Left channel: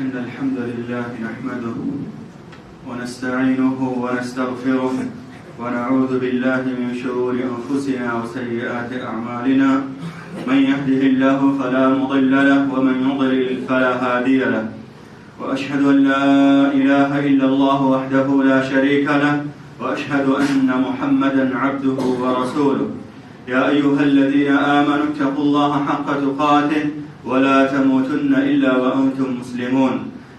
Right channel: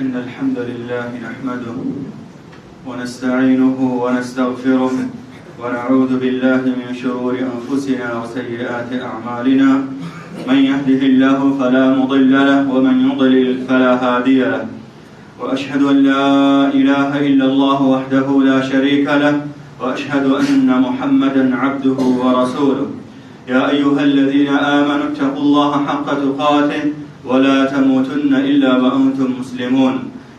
إن الحمد لله نحمده ونستعينه ونستغفره ونعوذ بالله من شرور أنفسنا وسيئات أعمالنا من يهده الله فلا مضل له ومن يضلل فلا هادي له وأشهد أن لا إله إلا الله وحده لا شريك له وأشهد أن محمدا عبده ورسوله يا أيها الذين آمنوا اتقوا الله حق تقاته ولا تموتن إلا وأنتم مسلمون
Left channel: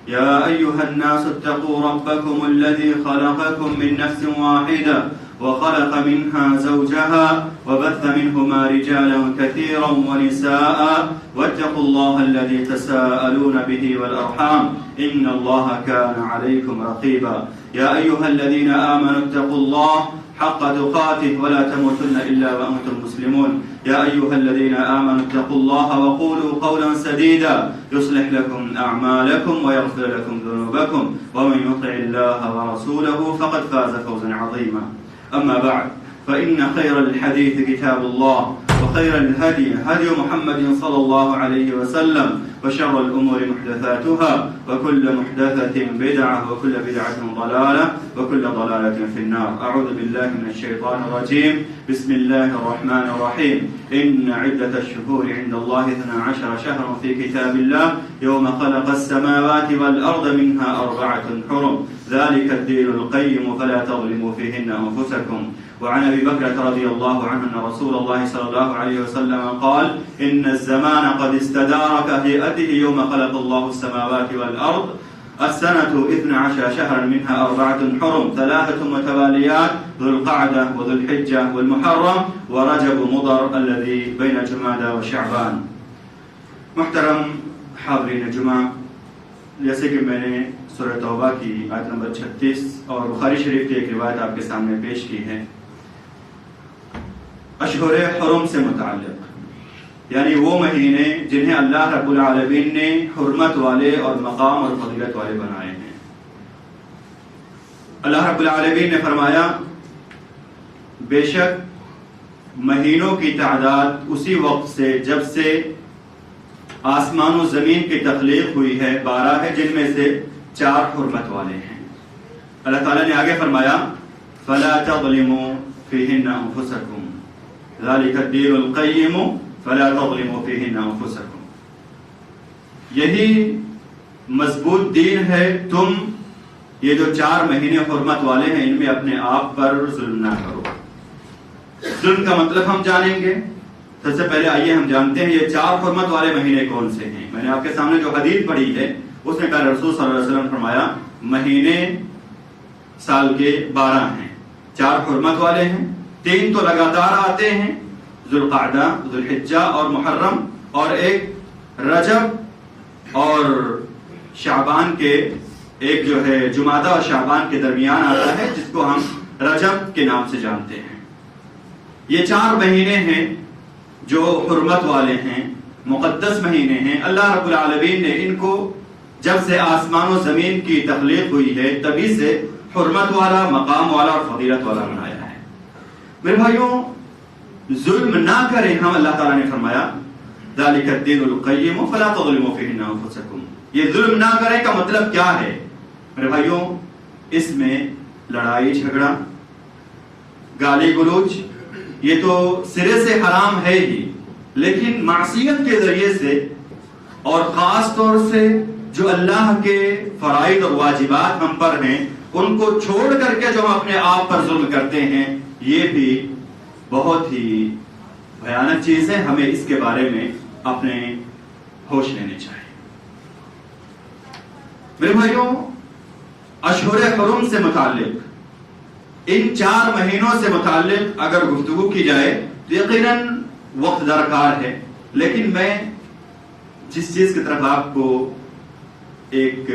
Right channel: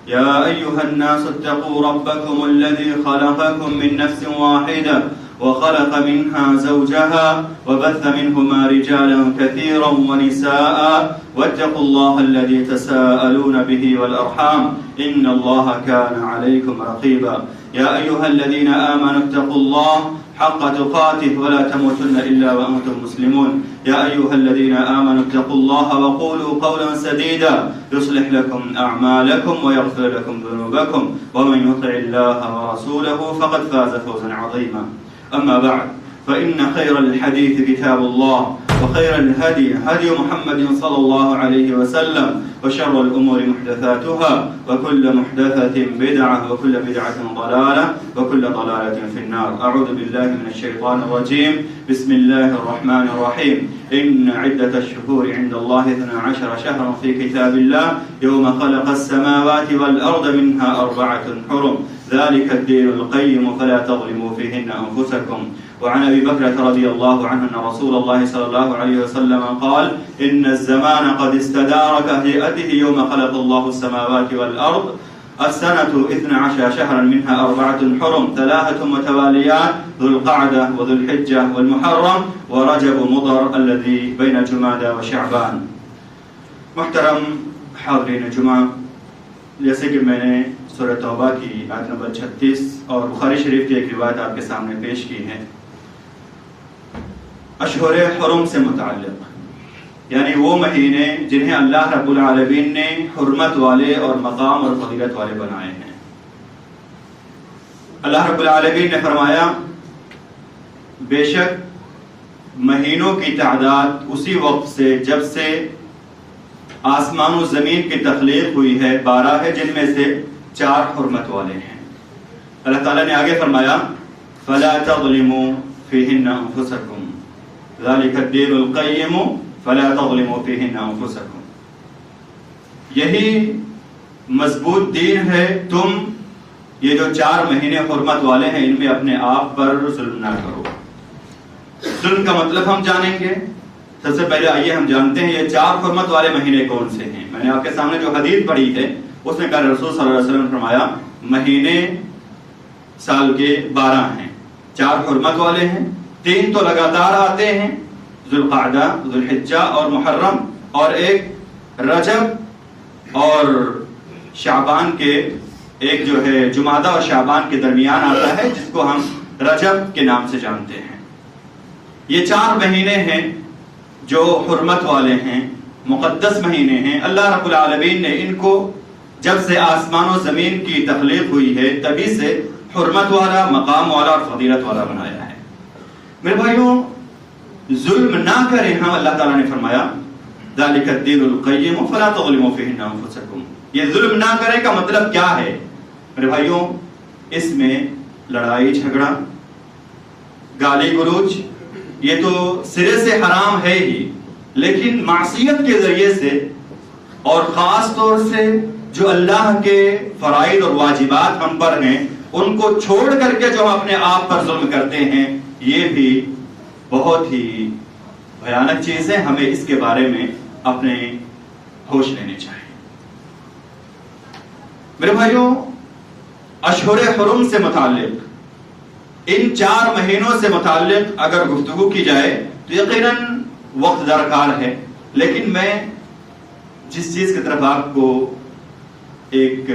يا أيها الناس اتقوا ربكم الذي خلقكم من نفس واحدة وخلق منها زوجها وبث منهما رجالا كثيرا ونساء واتقوا الله الذي تساءلون به والأرحام إن الله كان عليكم رقيبا يا أيها الذين آمنوا اتقوا الله حق تقاته ولا تموتن إلا وأنتم مسلمون يا أيها الذين آمنوا اتقوا الله وقولوا قولا سديدا يصلح لكم أعمالكم ويغفر لكم ذنوبكم ومن يطع الله ورسوله فقد فاز فوزا عظيما أما بعد فإن خير الحديث كتاب الله وخير الهدي هدي محمد صلى الله عليه وسلم وشر الأمور محدثاتها وكل محدثة بدعة وكل بدعة ضلالة وكل ضلالة في النار أعوذ بالله من الشيطان الرجيم بسم الله الرحمن الرحيم إن عدة الشهور عند الله 12 شهرا في كتاب الله يوم خلق السماوات والأرض منها 4 حرم ذلك الدين القيم فلا تظلموا فيهن أنفسكم وعن أبي بكر رضي الله عنه أن رسول الله صلى الله عليه وسلم قال إن الزمان قد استدار كهيئته يوم خلق الله السماوات والأرض السنة 12 شهرا منها 4 حرم 3 متواليات ذو القعدة وذو الحجة والمحرم ورجب مضر الذي بين جمادى وشعبان. محترم حاضرین جمعہ، جیسے کہ میں نے سورہ توبہ کی آیت نمبر 36 اور بخاری شریف کی ایک روایت آپ کے سامنے پیش کی ہے اشہر حرم سے متعلق، یعنی وہ مہینے جنہیں اللہ رب العالمین نے حرمت والے اور مقام اور فضیلت والے بنائے ہیں. اللہ رب العالمین نے فرمایا بے شک مہینوں کی تعداد اسی وقت سے جب سے آسمان و زمین کی تخلیق ہوئی ہے 12 ہے، جن میں سے 4 حرمت والے ہیں. اللہ تعالیٰ نے آگے فرمایا فَلَا تَظْلِمُوا فِيهِنَّ أَنفُسَكُمْ ذَلِكَ الدِّينُ الْقَيِّمُ فَلَا تَظْلِمُوا فِيهِنَّ أَنفُسَكُمْ. یہی مضبوط دین ہے، تم یہ جو 4 مہینے حرمت والے ہیں ان میں اپنے آپ پر ظلم نہ کرو. ظلم کا مطلب ہم جانیں گے. سب سے پہلے آئیے ہم جانتے ہیں یہ 4 حرمت والے مہینے کون سے ہیں. میں نے آپ کے سامنے جو حدیث پڑھی ہے اس میں پیارے رسول صلی اللہ علیہ وسلم نے فرمایا مہینے سال کے 12 ہیں، 4 حرمت والے ہیں، 3 تو لگاتار آتے ہیں ذو القعدہ ذو الحجہ اور محرم، اور ایک رجب اور شعبان کے ایک جو ہے جمادہ اور شعبان کے درمیان آتا ہے جس کو ہم رجب کے نام سے جانتے ہیں. یہ 4 مہینے ہیں جو حرمت والے ہیں، مقدس مہینے ہیں. اللہ رب العالمین نے ان کو جب سے آسمان و زمین کی تخلیق ہوئی ہے تبھی سے حرمت والا، مقام والا اور فضیلت والا بنایا ہے. میرے بھائیوں، ظلم نہ کریں. ہم اللہ تعالیٰ نے فرمایا ذَلِكَ الدِّينُ الْقَيِّمُ فَلَا تَظْلِمُوا فِيهِنَّ أَنفُسَكُمْ. یہ ظلم نہ کریں کا مطلب کیا ہے میرے بھائیوں؟ اس میں لڑائی جھگڑا، گالی گلوچ یہ تو سرے سے حرام ہے ہی، لیکن معصیت کے ذریعے سے اور خاص طور سے جو اللہ کے فرائض اور واجبات ہم پر ہیں ان کو چھوڑ کر کے جو ہم اپنے آپ پر ظلم کرتے ہیں، یہ بھی بہت ہی بھیانک چیز ہے. ہمیں اس کے بارے میں اپنے ہوش لینے چاہیے. میرے بھائیوں، اشہر حرم سے متعلق، ان 4 مہینوں سے متعلق اگر گفتگو کی جائے تو یقیناً وقت درکار ہے، لیکن میں جس چیز کی طرف آپ کو ایک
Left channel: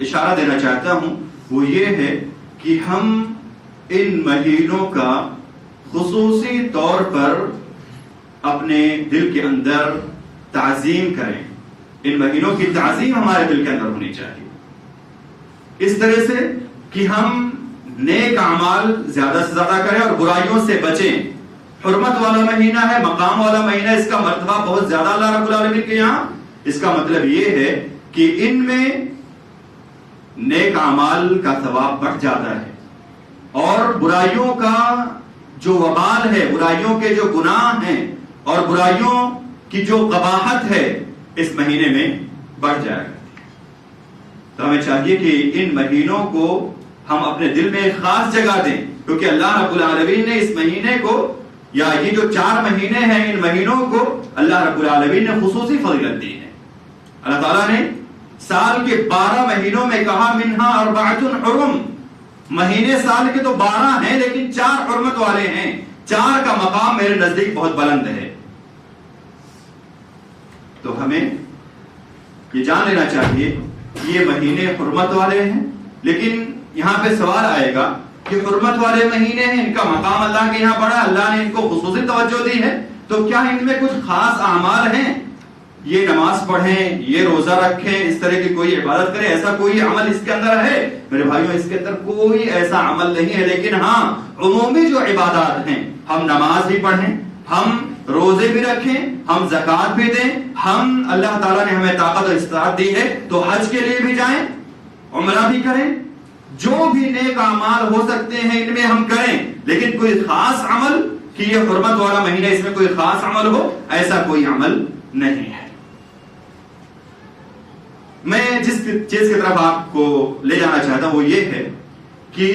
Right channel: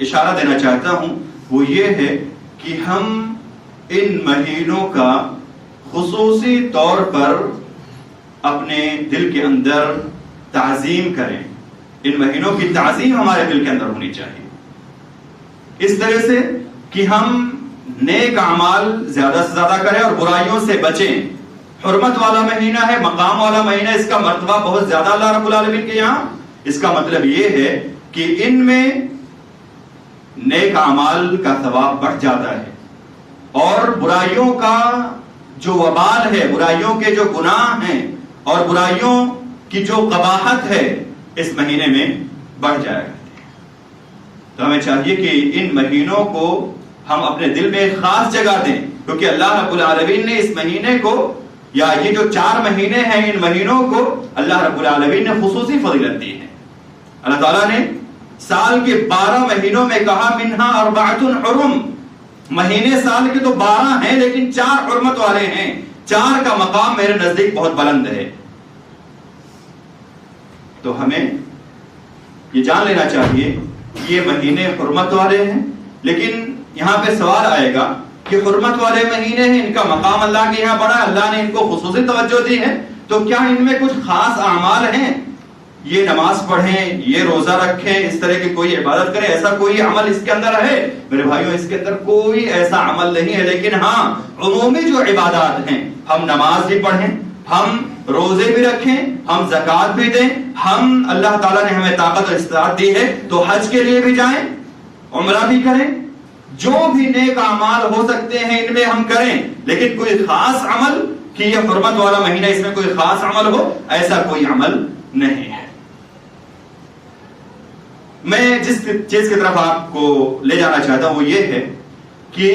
اشارہ دینا چاہتا ہوں وہ یہ ہے کہ ہم ان مہینوں کا خصوصی طور پر اپنے دل کے اندر تعظیم کریں. ان مہینوں کی تعظیم ہمارے دل کے اندر ہونی چاہیے، اس طرح سے کہ ہم نیک اعمال زیادہ سے زیادہ کریں اور برائیوں سے بچیں. حرمت والا مہینہ ہے، مقام والا مہینہ، اس کا مرتبہ بہت زیادہ اللہ رب العالمین کے یہاں. اس کا مطلب یہ ہے کہ ان میں نیک اعمال کا ثواب بڑھ جاتا ہے، اور برائیوں کا جو وبال ہے، برائیوں کے جو گناہ ہیں اور برائیوں کی جو قباحت ہے اس مہینے میں بڑھ جائے گا. تو ہمیں چاہیے کہ ان مہینوں کو ہم اپنے دل میں ایک خاص جگہ دیں، کیونکہ اللہ رب العالمین نے اس مہینے کو، یا یہ جو 4 مہینے ہیں، ان مہینوں کو اللہ رب العالمین نے خصوصی فضیلت دی ہے. اللہ تعالیٰ نے سال کے 12 مہینوں میں کہا منہا اربعۃ حرم، مہینے سال کے تو 12 ہیں لیکن 4 حرمت والے ہیں. 4 کا مقام میرے نزدیک بہت بلند ہے. تو ہمیں یہ جان لینا چاہیے یہ مہینے حرمت والے ہیں، لیکن یہاں پہ سوال آئے گا کہ حرمت والے مہینے ہیں، ان کا مقام اللہ کے یہاں بڑا، اللہ نے ان کو خصوصی توجہ دی ہے، تو کیا ان میں کچھ خاص اعمال ہیں؟ یہ نماز پڑھیں، یہ روزہ رکھیں، اس طرح کی کوئی عبادت کریں، ایسا کوئی عمل اس کے اندر ہے؟ میرے بھائیوں، اس کے اندر کوئی ایسا عمل نہیں ہے. لیکن ہاں، عمومی جو عبادات ہیں، ہم نماز بھی پڑھیں، ہم روزے بھی رکھیں، ہم زکوٰۃ بھی دیں، ہم اللہ تعالیٰ نے ہمیں طاقت اور استطاعت دی ہے تو حج کے لیے بھی جائیں، عمرہ بھی کریں، جو بھی نیک اعمال ہو سکتے ہیں ان میں ہم کریں. لیکن کوئی خاص عمل کہ یہ حرمت والا مہینہ اس میں کوئی خاص عمل ہو، ایسا کوئی عمل نہیں ہے. میں جس چیز کی طرف آپ کو لے جانا چاہتا ہوں وہ یہ ہے کہ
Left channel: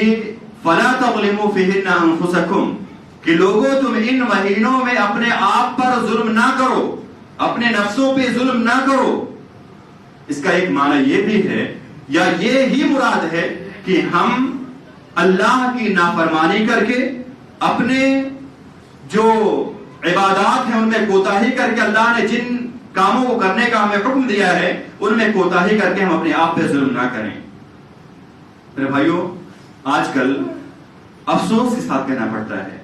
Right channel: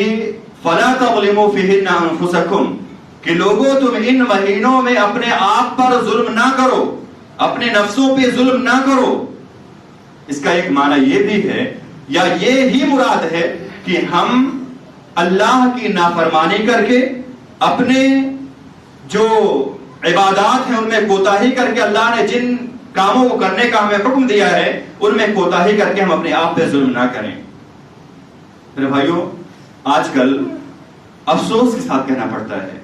فَلَا تَظْلِمُوا فِيهِنَّ أَنفُسَكُمْ، کہ لوگوں تم ان مہینوں میں اپنے آپ پر ظلم نہ کرو، اپنے نفسوں پہ ظلم نہ کرو. اس کا ایک معنی یہ بھی ہے، یا یہ ہی مراد ہے کہ ہم اللہ کی نافرمانی کر کے اپنے جو عبادات ہیں ان میں کوتاہی کر کے، اللہ نے جن کاموں کو کرنے کا ہمیں حکم دیا ہے ان میں کوتاہی کر کے ہم اپنے آپ پہ ظلم نہ کریں. میرے بھائیوں، آج کل افسوس کے ساتھ کہنا پڑتا ہے،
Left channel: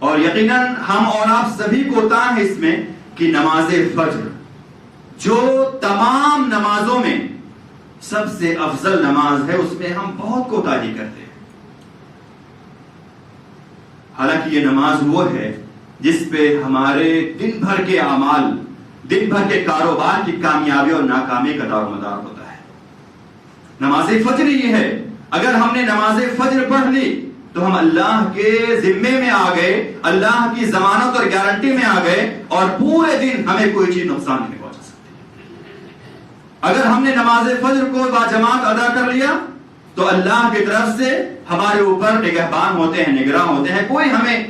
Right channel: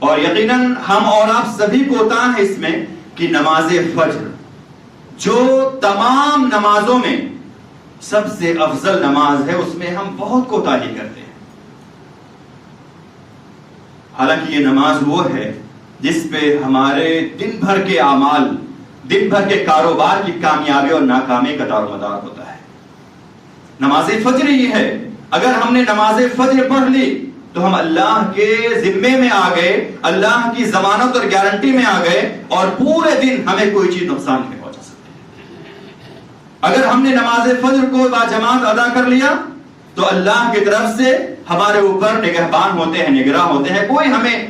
اور یقیناً ہم اور آپ سبھی کوتاہ ہیں اس میں، کہ نماز فجر جو تمام نمازوں میں سب سے افضل نماز ہے، اس میں ہم بہت کوتاہی کرتے ہیں. حالانکہ یہ نماز وہ ہے جس پہ ہمارے دن بھر کے اعمال، دن بھر کے کاروبار کی کامیابی اور ناکامی کا دار و مدار ہوتا ہے. نماز فجر یہ ہے، اگر ہم نے نماز فجر پڑھ لی تو ہم اللہ کے ذمے میں آ گئے، اللہ کی ضمانت اور گارنٹی میں آ گئے، اور پورے دن ہمیں کوئی چیز نقصان نہیں پہنچا سکتی. اگر ہم نے نماز فجر کو باجماعت ادا کر لیا تو اللہ کی طرف سے ہمارے اوپر نگہبان ہوتے ہیں، نگراں ہوتے ہیں، کوئی ہمیں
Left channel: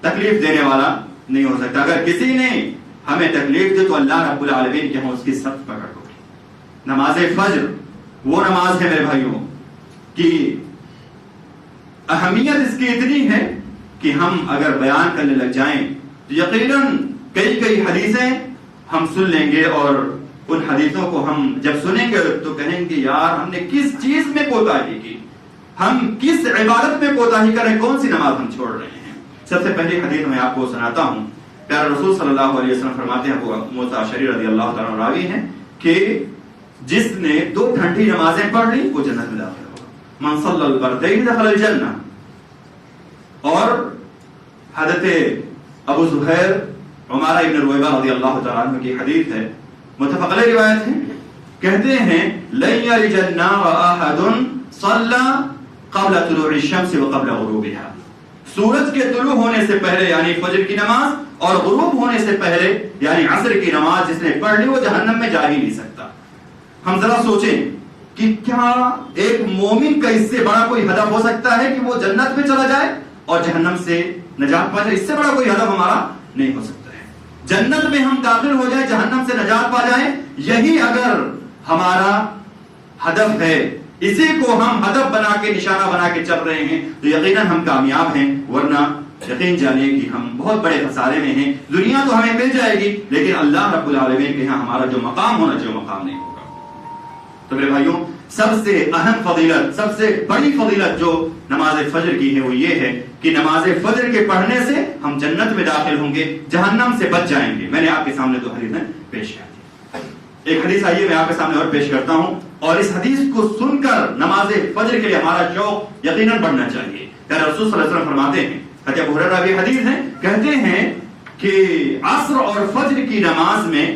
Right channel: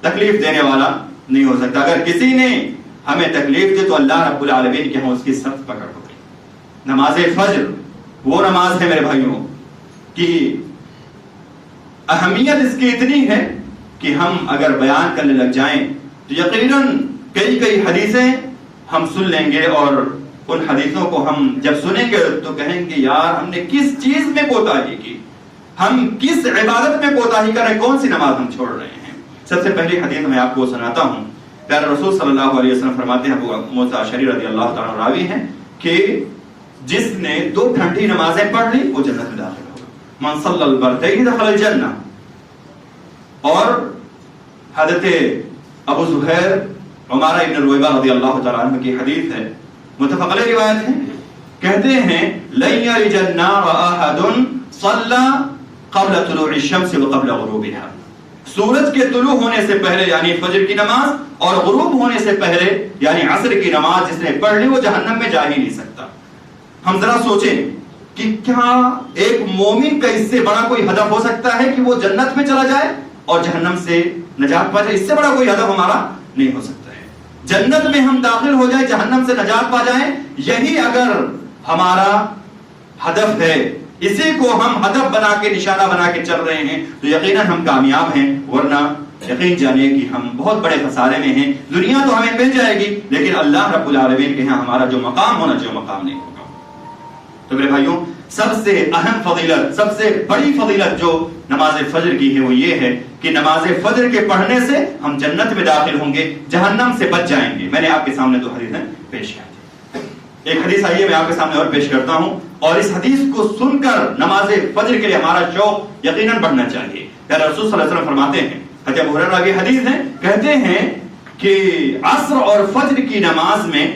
تکلیف دینے والا نہیں ہو سکتا. اگر کسی نے ہمیں تکلیف دی تو اللہ رب العالمین کے ہاں اس کی سخت پکڑ ہوگی. نماز فجر وہ نماز ہے میرے بھائیوں کہ اہمیت اس کی اتنی ہے کہ ہم اگر بیان کرنے لگ جائیں تو یقیناً کئی حدیثیں ہم سن لیں گے، اور ان حدیثوں کو ہم جب سنیں گے تو کہیں گے یار ہم نے کس چیز میں کوتاہی کی، ہم کس عبادت میں کوتاہی کر رہے ہیں، کون سی نماز ہم چھوڑ رہے ہیں. سب سے پہلی حدیث میں آپ کو سناتا ہوں. پیارے رسول صلی اللہ علیہ وسلم فرماتے ہیں، ابو موسیٰ اشعری رضی اللہ تعالیٰ عنہ راوی ہیں، کہ جس نے 2 ٹھنڈی نمازیں پڑھ لی وہ جنت میں داخل ہوگا. من صلی البردین دخل الجنہ. اور حضرت ابو زہیر عمارہ ابن رویبہ رضی اللہ تعالیٰ عنہ کی حدیث ہے، متفق علیہ روایت ہے، کہتے ہیں لن یلج النار احد صلی قبل طلوع الشمس وقبل غروبها. سورج کے طلوع ہونے سے پہلے یعنی فجر کی نماز، اور غروب ہونے سے پہلے یعنی عصر کی نماز جس نے پڑھ لی وہ جہنم میں جا ہی نہیں سکتا. ہم ذرا سوچیں کہ کیا ایک مومن کا اس سے بڑا کوئی ہدف ہو سکتا ہے کہ وہ جنت میں چلا جائے اور جہنم سے نجات پا جائے؟ اس سے بڑا کوئی ہدف ہمارا نہیں ہو سکتا ہے. جنت میں ہم داخل ہو جائیں، جہنم سے نجات پا جائیں، یہی اگر ہمارا ہدف ہے، اسی کو ہم ہدف بنا کے، نشانہ بنا کے چل رہے ہیں تو یقیناً ہم کامیاب ہیں. ورنہ یقین جانیے کہ ہم بہت بڑے خسارے میں ہیں. دنیا تو ہمیں مل جائے گی لیکن اللہ رب العالمین کے ہاں ہمارا جو مقام ہونا چاہیے مقام نہیں ہوگا. تو میرے بھائیوں، سب سے اہم فضیلت، سب سے بڑی فضیلت جو نماز فجر کی ہے وہ یہ ہے کہ نماز فجر کے پڑھنے سے ہم جنت میں داخل ہوں گے، جہنم سے بچ جائیں گے. میں نے آپ کے سامنے 2 حدیثیں پیش کی. ایک حدیث آئیے میں آپ کے سامنے اور پیش کرتا ہوں، اور اس حدیث کو سن کر نماز فجر کے لیے ہمارا شوق یقیناً بڑھنا چاہیے. پیارے رسول صلی اللہ علیہ وسلم فرماتے ہیں حضرت ابو ہریرہ کی حدیث ہے، کہتے ہیں کہ عصر اور فجر کی نماز میں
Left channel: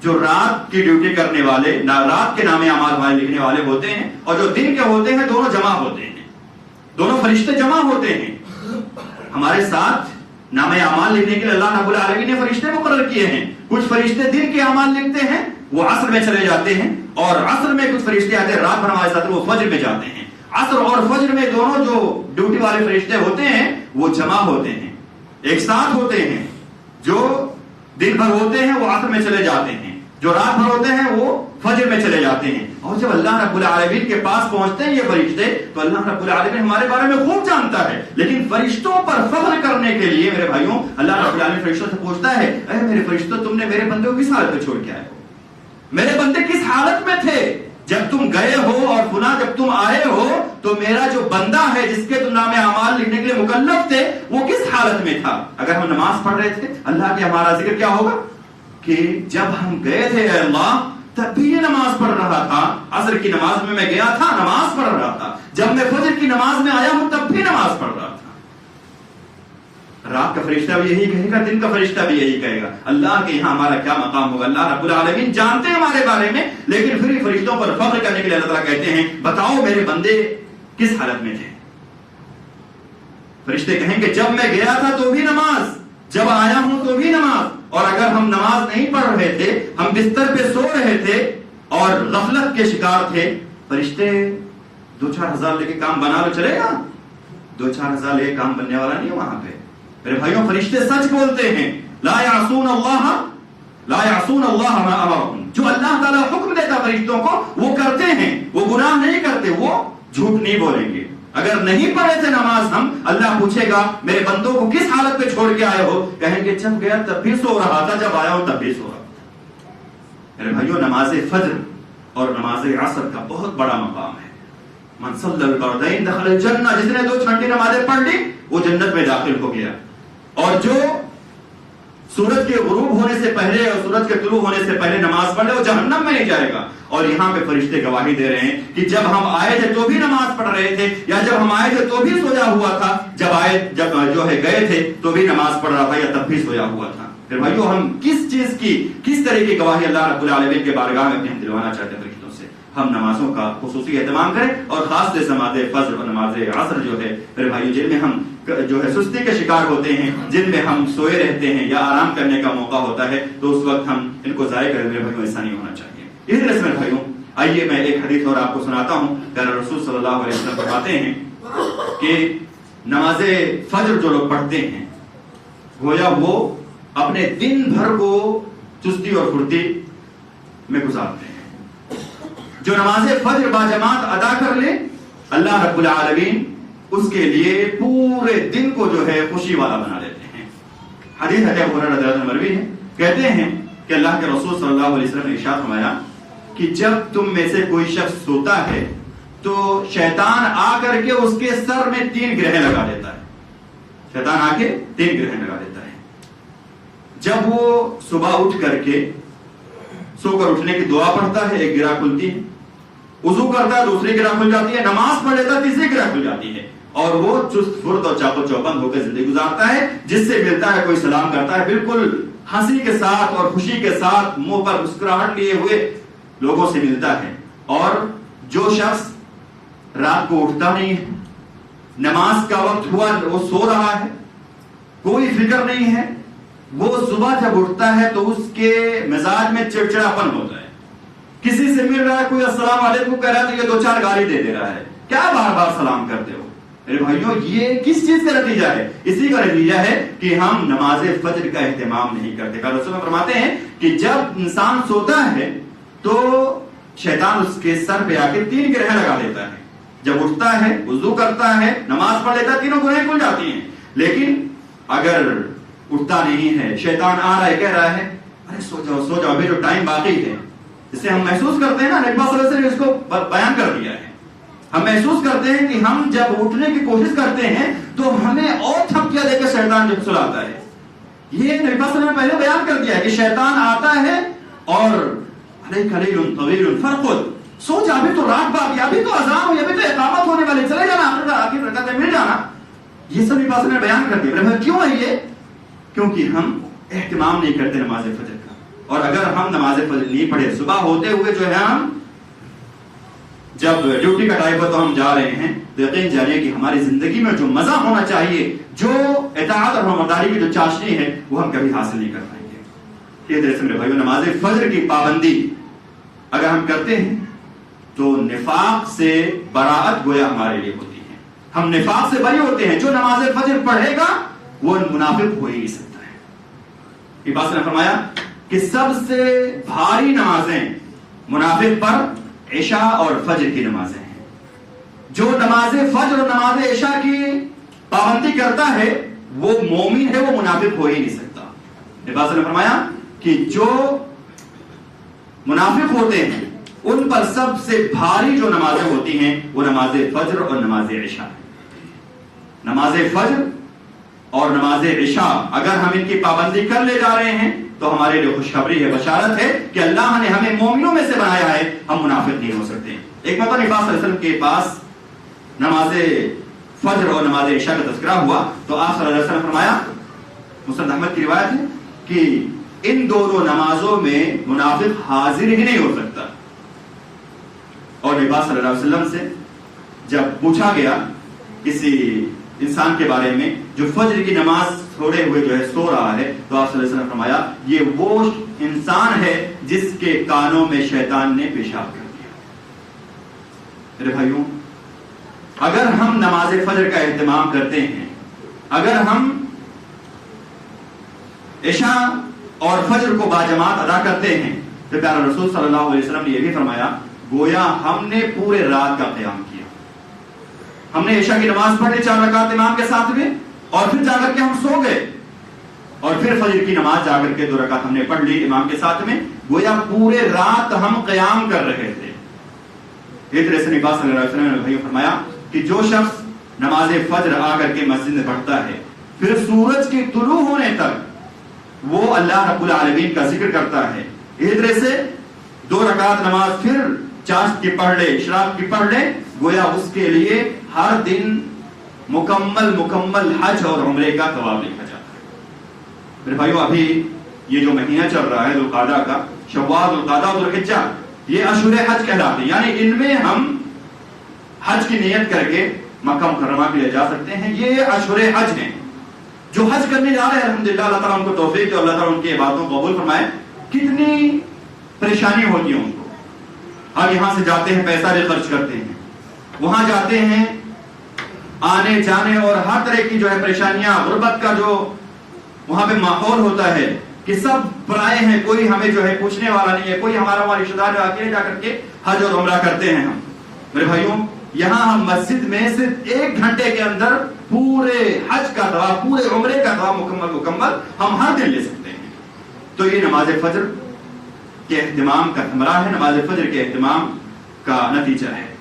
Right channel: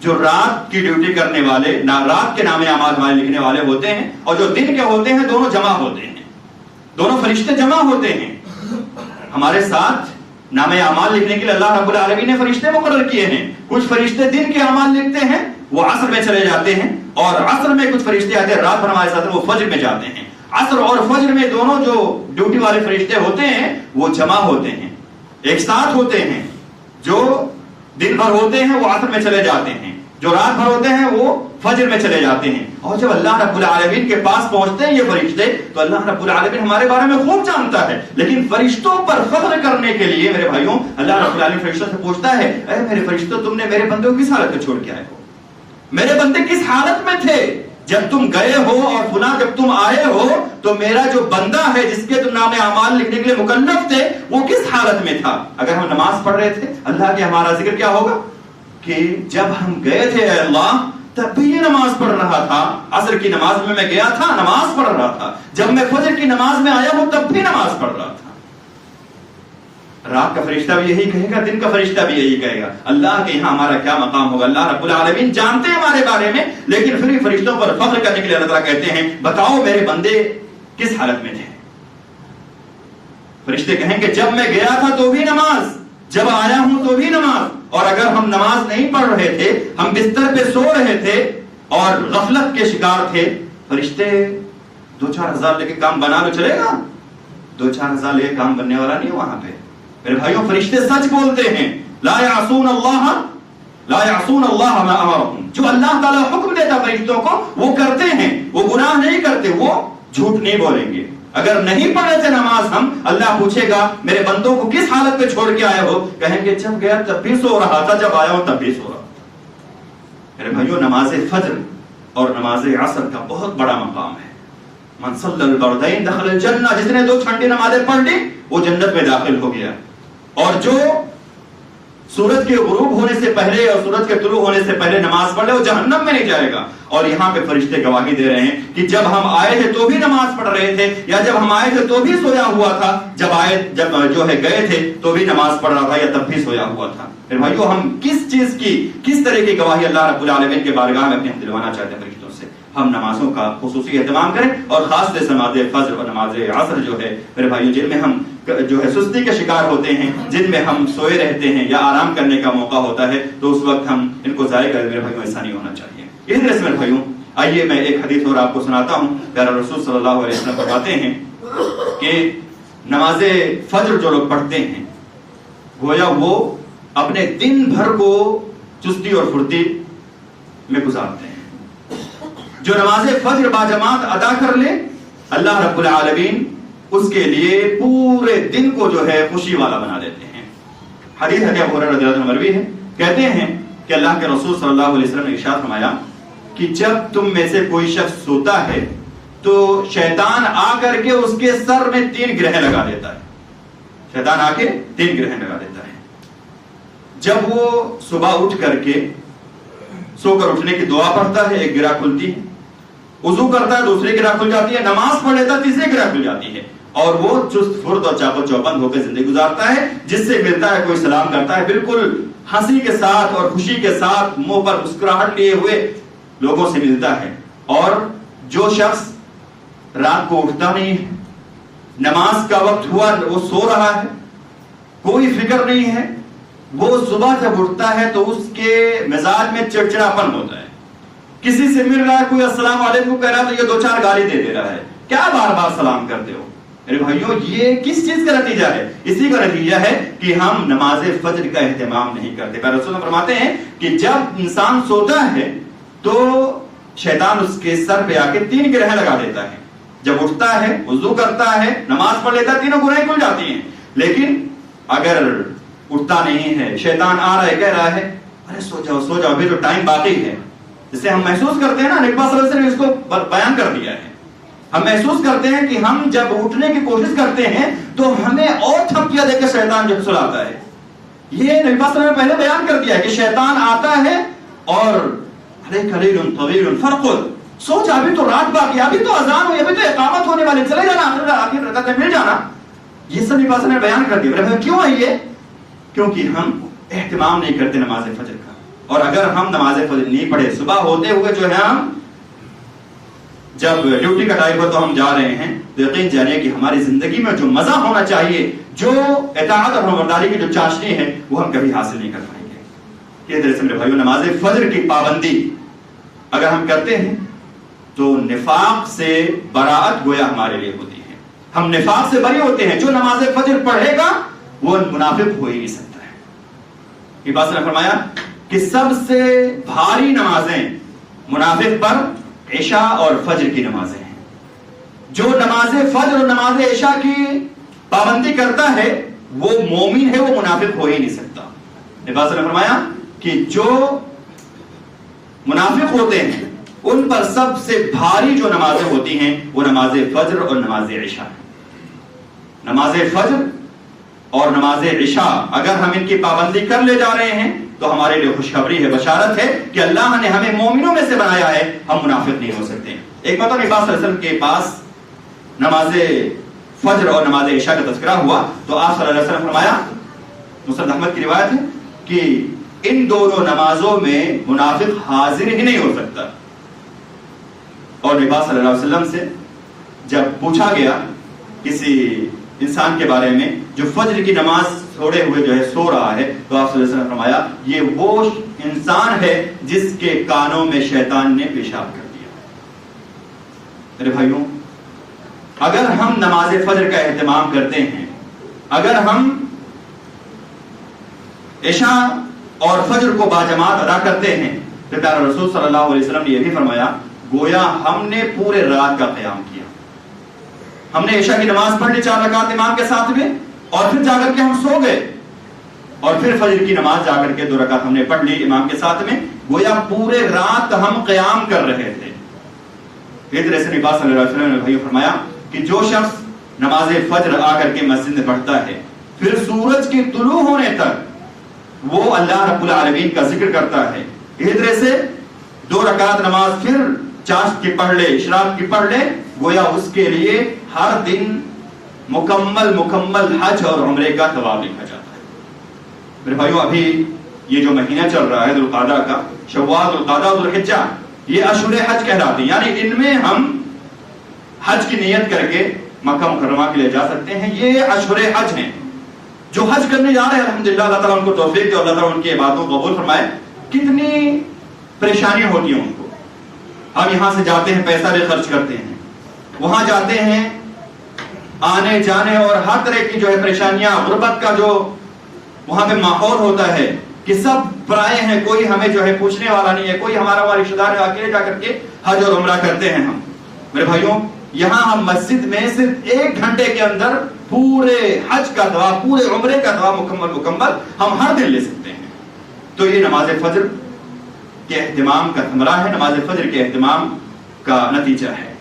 جو رات کی ڈیوٹی کرنے والے، رات کے نام اعمال ہمارے لکھنے والے ہوتے ہیں، اور جو دن کے ہوتے ہیں، دونوں جمع ہوتے ہیں، دونوں فرشتے جمع ہوتے ہیں ہمارے ساتھ۔ نام اعمال لکھنے کے لیے اللہ رب العالمین نے فرشتے مقرر کیے ہیں۔ کچھ فرشتے دن کے اعمال لکھتے ہیں، وہ عصر میں چلے جاتے ہیں، اور عصر میں کچھ فرشتے آتے ہیں رات بھر ہمارے ساتھ، وہ فجر میں جاتے ہیں۔ عصر اور فجر میں دونوں جو ڈیوٹی والے فرشتے ہوتے ہیں وہ جمع ہوتے ہیں، ایک ساتھ ہوتے ہیں۔ جو دن بھر ہوتے ہیں وہ عصر میں چلے جاتے ہیں، جو رات بھر ہوتے ہیں وہ فجر میں چلے جاتے ہیں۔ اور جب اللہ رب العالمین کے پاس پہنچتے ہیں یہ فرشتے، تو اللہ رب العالمین ہمارے بارے میں خوب جانتا ہے، لیکن فرشتوں پر فخر کرنے کے لیے میرے بھائیوں اللہ رب العالمین فرشتوں سے پوچھتا ہے، اے میرے فرشتوں، تم نے میرے بندے کو کس حالت میں چھوڑ کے آئے ہو؟ میرے بندے کس حالت میں تھے جب تم گئے ہو، اور فلاں جب تم آئے ہو تو میرا جو بندہ ہے جس کے تم نام اعمال لکھنے کے لیے مکلف تھے وہ کس حالت میں تھا؟ اگر ہم نماز پڑھ رہے تھے اللہ کے ہمارا ذکر کیا ہوگا کہ جب ہم گئے تھے اے اللہ تب بھی نماز پڑھ رہا تھا، عصر کی نماز میں گیا تھا نماز پڑھ رہا تھا، جب میں فجر کی نماز میں آیا ہوں تب بھی نماز پڑھ رہا تھا۔ رات کا فرشتہ بھی یہی کہے گا، دن کا فرشتہ بھی یہی کہے گا۔ اللہ کے یہاں ہمارا کیا مقام ہوگا؟ اللہ رب العالمین جانتے ہیں ہمارے بارے میں، لیکن پھر فرشتوں پر فخر کرنے کے لیے اللہ تعالیٰ کہتے ہیں بتاؤ میرے بندے کس حالت میں تھے؟ فرشتے کہیں گے جب میں گیا تھا تو بھی نماز، جب آیا ہوں تو بھی نماز، اور اگر ہم نماز نہیں پڑھ رہے تھے، ہم بستر پہ سو رہے تھے اور غفلت کے شکار تھے، فرشتے 2-4 ہزار لے کے کام بنا لو چلے گا؟ 2-4 ہزار لے کے کام بننے والا نہیں وہاں پہ میرے بھائیوں۔ فرشتے سچ بولتے ہیں، لا یعصون اللہ ما امرهم، جو اللہ تعالیٰ حکم دیتا فرشتوں کو وہ کرتے ہیں، وہ گناہ نہیں کرتے، وہ جھوٹ نہیں بولیں گے۔ اگر نہیں پڑھے تھے نماز ہم، اللہ پوچھے گا میرے بندوں کو کس حالت میں چھوڑ کے آئے ہو؟ کہیں گے جب گیا تب بھی سو رہا تھا، جب آیا ہوں تب بھی سو رہا تھا۔ میرے بھائیوں نماز فجر اور نماز عصر کا بہت بڑا مقام ہے۔ من صلی البردین دخل الجنہ، جس نے 2 ٹھنڈی نمازیں پڑھ لی وہ جنت میں داخل ہو گیا، اور جو سورج کے غروب ہونے سے پہلے اور سورج کے طلوع ہونے سے پہلے نماز پڑھ لے وہ جہنم میں نہیں جائے گا۔ اور یہاں پہ فرشتے گواہی دے رہے ہیں کہ جب ہم آئے تھے تو بھی نماز پڑھ رہے تھے، یا جب ہم آئے تھے تو بھی سویا ہوا تھا، جب جو ہے گئے تھے تو بھی نماز پڑھ رہا تھا، یا تب بھی سویا ہوا تھا۔ پھر بھائیو ہم کس چیز کی، کس طرح کی گواہی اللہ رب العالمین کے بارگاہ میں اپنے ہم دلوانا چاہتے ہیں فرشتوں سے؟ ہم نمازوں کا خصوصی اہتمام کریں، اور خاص طور سے نماز فجر اور نماز عصر جو ہے میرے بھائیو جن میں ہم جو ہے سستی کے شکار ہوتے ہیں، جن میں ہم سوئے رہتے ہیں یا آرام کرنے کا موقع ہوتا ہے، تو اس وقت ہم ان کو ضائع کریں۔ میرے بھائیو ایسا نہیں ہونا چاہیے۔ اس طرح سے میرے بھائیو آئیے میں ایک حدیث اور آپ کو سناتا ہوں۔ پیارے رسول صلی اللہ علیہ وسلم فرماتے ہیں کہ نماز فجر جو لوگ پڑھتے ہیں گویا وہ اپنے دن بھر کو چستی اور پھرتی میں گزارتے ہیں۔ جو نماز فجر باجماعت ادا کر لے اللہ رب العالمین اس کے لیے پورے دن کو جو ہے خوشی والا بنا دیتے ہیں۔ حدیث ہے ابو ہریرہ رضی اللہ عنہ مروی ہے، کہتے ہیں کہ اللہ کے رسول صلی اللہ علیہ وسلم نے ارشاد فرمایا کہ جب تم میں سے کوئی شخص سوتا ہے تو شیطان آ کر کے اس کے سر میں 3 گرہیں لگا دیتا ہے۔ شیطان آ کے 3 گرہیں لگا دیتا ہے۔ جب وہ صبح اٹھ کر کے سو کر اٹھنے کی دعا پڑھتا ہے، ایک گرہ کھلتی ہے، وضو کرتا ہے دوسری گرہ کھل جاتی ہے، نماز پڑھ لیتا ہے تیسری گرہ کھل جاتی ہے، اور وہ چست پھرت اور چاق و چوبند ہو کے زندگی گزارتا ہے۔ جس سے ملتا ہے کوئی سلام کرتا ہے، بالکل ہنسی کے ساتھ اور خوشی کے ساتھ منہ پر مسکراہٹ لیے ہوئے لوگوں سے ملتا ہے۔ اور جو شخص رات کو اٹھتا نہیں ہے، نماز کا وقت ہوا وہ سو رہا ہے، کوئی فکر نہیں ہے، وہ صبح جب اٹھتا ہے تو اس کے مزاج میں چڑچڑاپن ہوتا ہے۔ کسی سے مل رہا ہے، کوئی السلام علیکم کہہ رہا ہے تو یہ 2-4 گالی دے رہا ہے، کیا بار بار سلام کرتے ہو؟ میرے بھائیوں یہ کس چیز کا نتیجہ ہے؟ اسی کا نتیجہ ہے کہ ہم نماز فجر کا اہتمام نہیں کرتے۔ پھر رسول اللہ فرماتے ہیں کہ جب انسان سوتا ہے تو شیطان اس کے سر پہ آ کے 3 گرہیں لگا دیتا ہے، جب اٹھتا ہے وضو کرتا ہے نماز پڑھ لیتا ہے 3 گرہیں کھل جاتی ہیں۔ لیکن اگر اٹھتا نہیں ہے، شیطان آ رہا ہے کہہ رہا ہے ارے سو جاؤ ابھی جو ٹائم باقی ہے، جسے ہم محسوس کرتے ہیں نا، نبی صلی اللہ علیہ وسلم نے اس کو بیان کر دیا ہے، ہم محسوس کرتے ہیں کہ ہم جب اٹھنے کی کوشش کرتے ہیں تو ہمیں اور تھپکیاں دے کے شیطان جب سلاتا ہے۔ یہ نبی صلی اللہ علیہ وسلم نے پہلے بیان کر دیا ہے کہ شیطان آتا ہے اور قلیل طویل فرقد، سوچ ابھی تو رات باقی، ابھی تو اذان ہوئی، ابھی تو اقامت ہونے والے، چلے جانا آخر رکعت میں مل جانا۔ یہ سب نبی نے بیان کر دیا. کیوں ہے یہ؟ کیونکہ ہم اہتمام نہیں کرتے نماز فجر کا. اور اگر ہم نماز فجر نہیں پڑھے, صبح ہوتے ہوئے جو ہے ہم جب ڈیوٹی کا ٹائم ہو تو ہم جا رہے ہیں, تو یقین جانیے کہ ہماری زندگی میں جو مزہ ہونا چاہیے, جو اطاعت اور فرمانبرداری کی جو چاشنی ہے, وہ ہم کبھی حاصل نہیں کر پائیں گے. یہ طرح سے میرے بھائیو, نماز فجر کی پابندی اگر ہم کرتے ہیں تو نفاق سے براعت گویا ہمارے لیے ہوتی ہے. ہم نفاق سے بری ہوتے ہیں. جو نماز فجر پڑھے گا وہ منافق ہو ہی نہیں سکتا ہے. یہ بات نے فرمایا کہ سب سے بھاری نمازیں منافق پر عشاء اور فجر کی نمازیں ہیں. جو نماز فجر اور نماز عشاء کی پابندی کرتا ہے وہ مومن ہے, وہ منافق ہو ہی نہیں سکتا. نبی نے فرمایا کہ جو منافق ہوتے ہیں ان پر سب سے بھاری جو نمازیں ہوتی ہیں وہ نماز فجر اور نماز عشاء ہے. نماز فجر اور نماز عشاء اگر ہم ان کی پابندی کر لے جا رہے ہیں تو ہمارے لیے خوشخبری ہے, بشارت ہے کہ اللہ نے ہمیں مومنوں میں سے بنایا ہے, ہم منافق نہیں ہو سکتے. ایک مرتبہ نبی صلی اللہ علیہ وسلم کے پاس نماز فجر اور نماز عشاء کا تذکرہ ہوا تو آپ صلی اللہ علیہ وسلم فرمایا, مسند احمد کی روایت ہے, کہ ان دونوں نمازوں میں منافق حاضر ہی نہیں ہو سکتا. اور نبی صلی اللہ علیہ وسلم سے جب پوچھا گیا کسی انسان کے بارے میں جو فجر کی نماز چھوڑے ہوئے جو ہے سو رہا ہے, تو آپ صلی اللہ علیہ وسلم نے فرمایا یہ وہ انسان ہے جس کے کانوں میں شیطان نے پیشاب کر دیا. میرے بھائیوں, اگر ہم نماز فجر کا اہتمام کرتے ہیں, اگر ہم عشاء اور فجر کو باجماعت ادا کرتے ہیں, تو پیارے رسول صلی اللہ علیہ وسلم نے یہ بھی فرمایا گویا ہم نے پورے رات کا قیام کیا. ہم نے عشاء کی نماز پڑھ لی 4 رکعت امام کے ساتھ میں, اور پھر جا کر کے ہم سو گئے, اور پھر فجر کی نماز جا کر کے 2 رکعت ہم نے پڑھ لی امام کے ساتھ میں. گویا پورے رات ہم قیام کر رہے تھے. اس طرح سے نبی صلی اللہ علیہ وسلم نے بھائیو فرمایا کہ جو شخص نماز فجر آ کر کے مسجد میں پڑھتا ہے, پھر سورج کے طلوع ہونے تک وہ اللہ رب العالمین کا ذکر کرتا ہے, اس طرح سے 2 رکعت نماز پھر چاشت کی پڑھ لے, اشراق کی پڑھ لے, گویا اس کے لیے ہر دن مکمل حج اور عمرے کا ثواب لکھا جاتا ہے. میرے بھائیو, ابھی یہ جو مہینہ چل رہا ہے ذوالقعدہ کا, شوال, ذوالقعدہ اور ذوالحجہ, یہ اشہر حج کہلاتے ہیں. یعنی ان میں ہم حج کی نیت کر کے مکہ مکرمہ کے لیے جا سکتے ہیں. یہ اشہر حج ہیں. جو حج کرنے جا رہے ہیں الحمدللہ, اللہ تعالیٰ ان کو توفیق دے, اللہ تعالیٰ ان کی عبادتوں کو قبول فرمائے. کتنی پریشانی ہوتی ہیں ان کو. اب یہاں سے جاتے ہیں, پیسہ بھی خرچ کرتے ہیں, وہاں جاتے ہیں, آنے جانے اور ہر طرح کی جو ہے پریشانیاں, غربت کا جو وہاں پہ ماحول ہوتا ہے کہ سب پرائے ہیں, کوئی ہمیں جو ہے پوچھنے والا نہیں ہے, کوئی ہمارا رشتہ دار اکیلے جا کر کے حج اور عمرہ کرتے ہیں ہم. میرے بھائیوں, یہاں ہم مسجد میں صرف 1 گھنٹے کے اندر پورے حج کا ثواب, پورے عمرے کا ثواب مکمل ہم ہر دن لے سکتے ہیں. تو یہ نماز فجر کے اہتمام کا ثمرہ ہے, نماز فجر کے اہتمام کا نتیجہ ہے.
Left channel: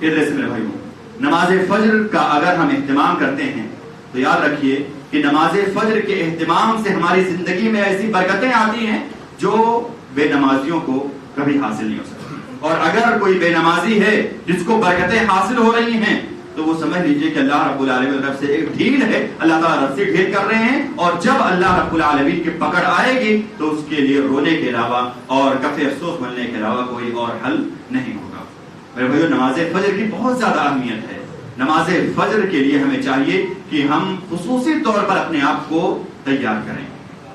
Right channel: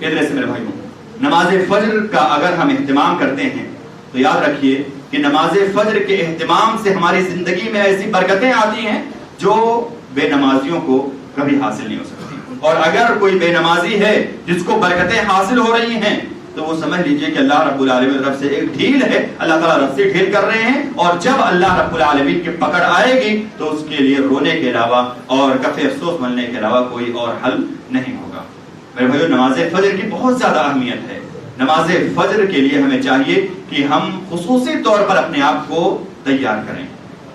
ادھر سے میرے بھائیوں, نماز فجر کا اگر ہم اہتمام کرتے ہیں تو یاد رکھیے کہ نماز فجر کے اہتمام سے ہماری زندگی میں ایسی برکتیں آتی ہیں جو بے نمازیوں کو کبھی حاصل نہیں ہو سکتی. اور اگر کوئی بے نمازی ہے جس کو برکتیں حاصل ہو رہی ہیں تو وہ سمجھ لیجئے کہ اللہ رب العالمین کی طرف سے ایک ڈھیل ہے, اللہ تعالیٰ رب سے ڈھیل کر رہے ہیں, اور جب اللہ رب العالمین کی پکڑ آئے گی تو اس کے لیے رونے کے علاوہ اور کف افسوس بننے کے علاوہ کوئی اور حل نہیں ہوگا. میرے بھائیو, نماز فجر کی بہت زیادہ اہمیت ہے. نماز فجر کے لیے ہمیں چاہیے کہ ہم خصوصی طور پر اپنے آپ کو تیار کریں.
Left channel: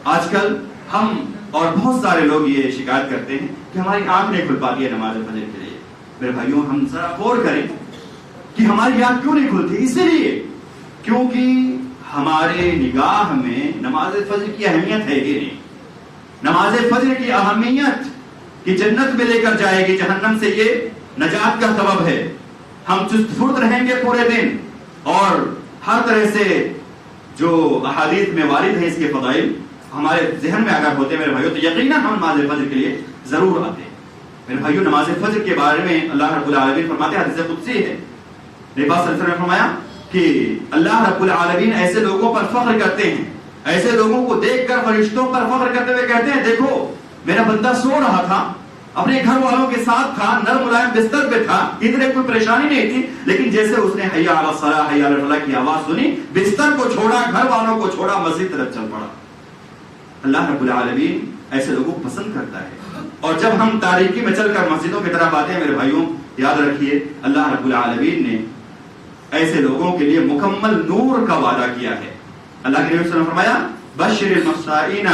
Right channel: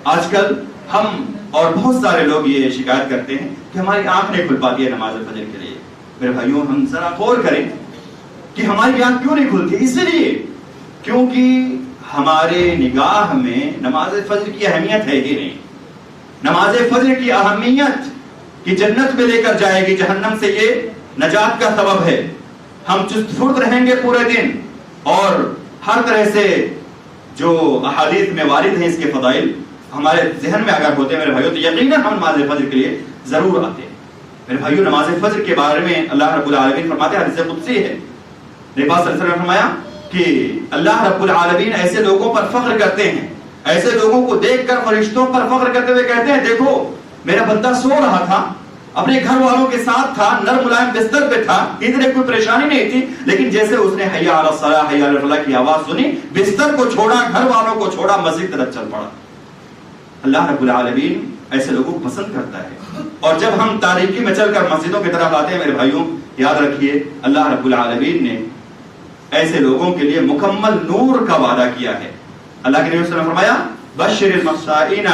آج کل ہم اور بہت سارے لوگ یہ شکایت کرتے ہیں کہ ہماری آنکھ نہیں کھل پاتی ہے نماز فجر کے لیے. میرے بھائیوں, ہم ذرا غور کریں کہ ہماری آنکھ کیوں نہیں کھلتی. اس لیے کیونکہ ہمارے نگاہ میں نماز فجر کی اہمیت ہے ہی نہیں. نماز فجر کی اہمیت کہ جنت میں لے کر جائے گی, جہنم سے یہ نجات کا سبب ہے. ہم چست فرد رہیں گے پورے دن, اور ہر طرح سے جو احادیث میں وارد ہیں اس کے فضائل ہمارے ذہن میں اگر ہوتے میرے بھائیوں تو یقیناً ہم نماز فجر کے لیے ضرور آتے. میرے بھائیوں, نماز فجر کے بارے میں اللہ رب العالمین فرماتے ہیں, حدیث قدسی ہے, نبی صلی اللہ علیہ وسلم نے فرمایا کہ اللہ رب العالمین ایسے لوگوں پر فخر کرتے ہیں, ایسے لوگوں کو دیکھ کر فرشتوں پر فخر کرتے ہوئے کہتے ہیں, دیکھو میرا بندہ سو رہا تھا اپنے گھر والوں کے ساتھ تھا، نرم ملائم بستر پہ تھا، ادھر کوئی پریشانی نہیں تھی، لیکن جیسے اس نے حی علی الصلاۃ حی علی الفلاح کی آواز سنی، بستر کو چھوڑا، گھر والوں کو چھوڑا، مسجد طرف چل پڑا۔ اللہ رب العالمین ایسے لوگوں کو پسند کرتا ہے، اور جب ہم تاریکی میں چل کر مسجدوں کی طرف آتے ہیں میرے بھائیوں، یاد رکھیے اللہ رب العالمین نے ایسے لوگوں کے لیے مکمل نور کا وعدہ کیا ہے۔ اللہ کے نبی صلی اللہ علیہ وسلم نے فرمایا بشر المخشعین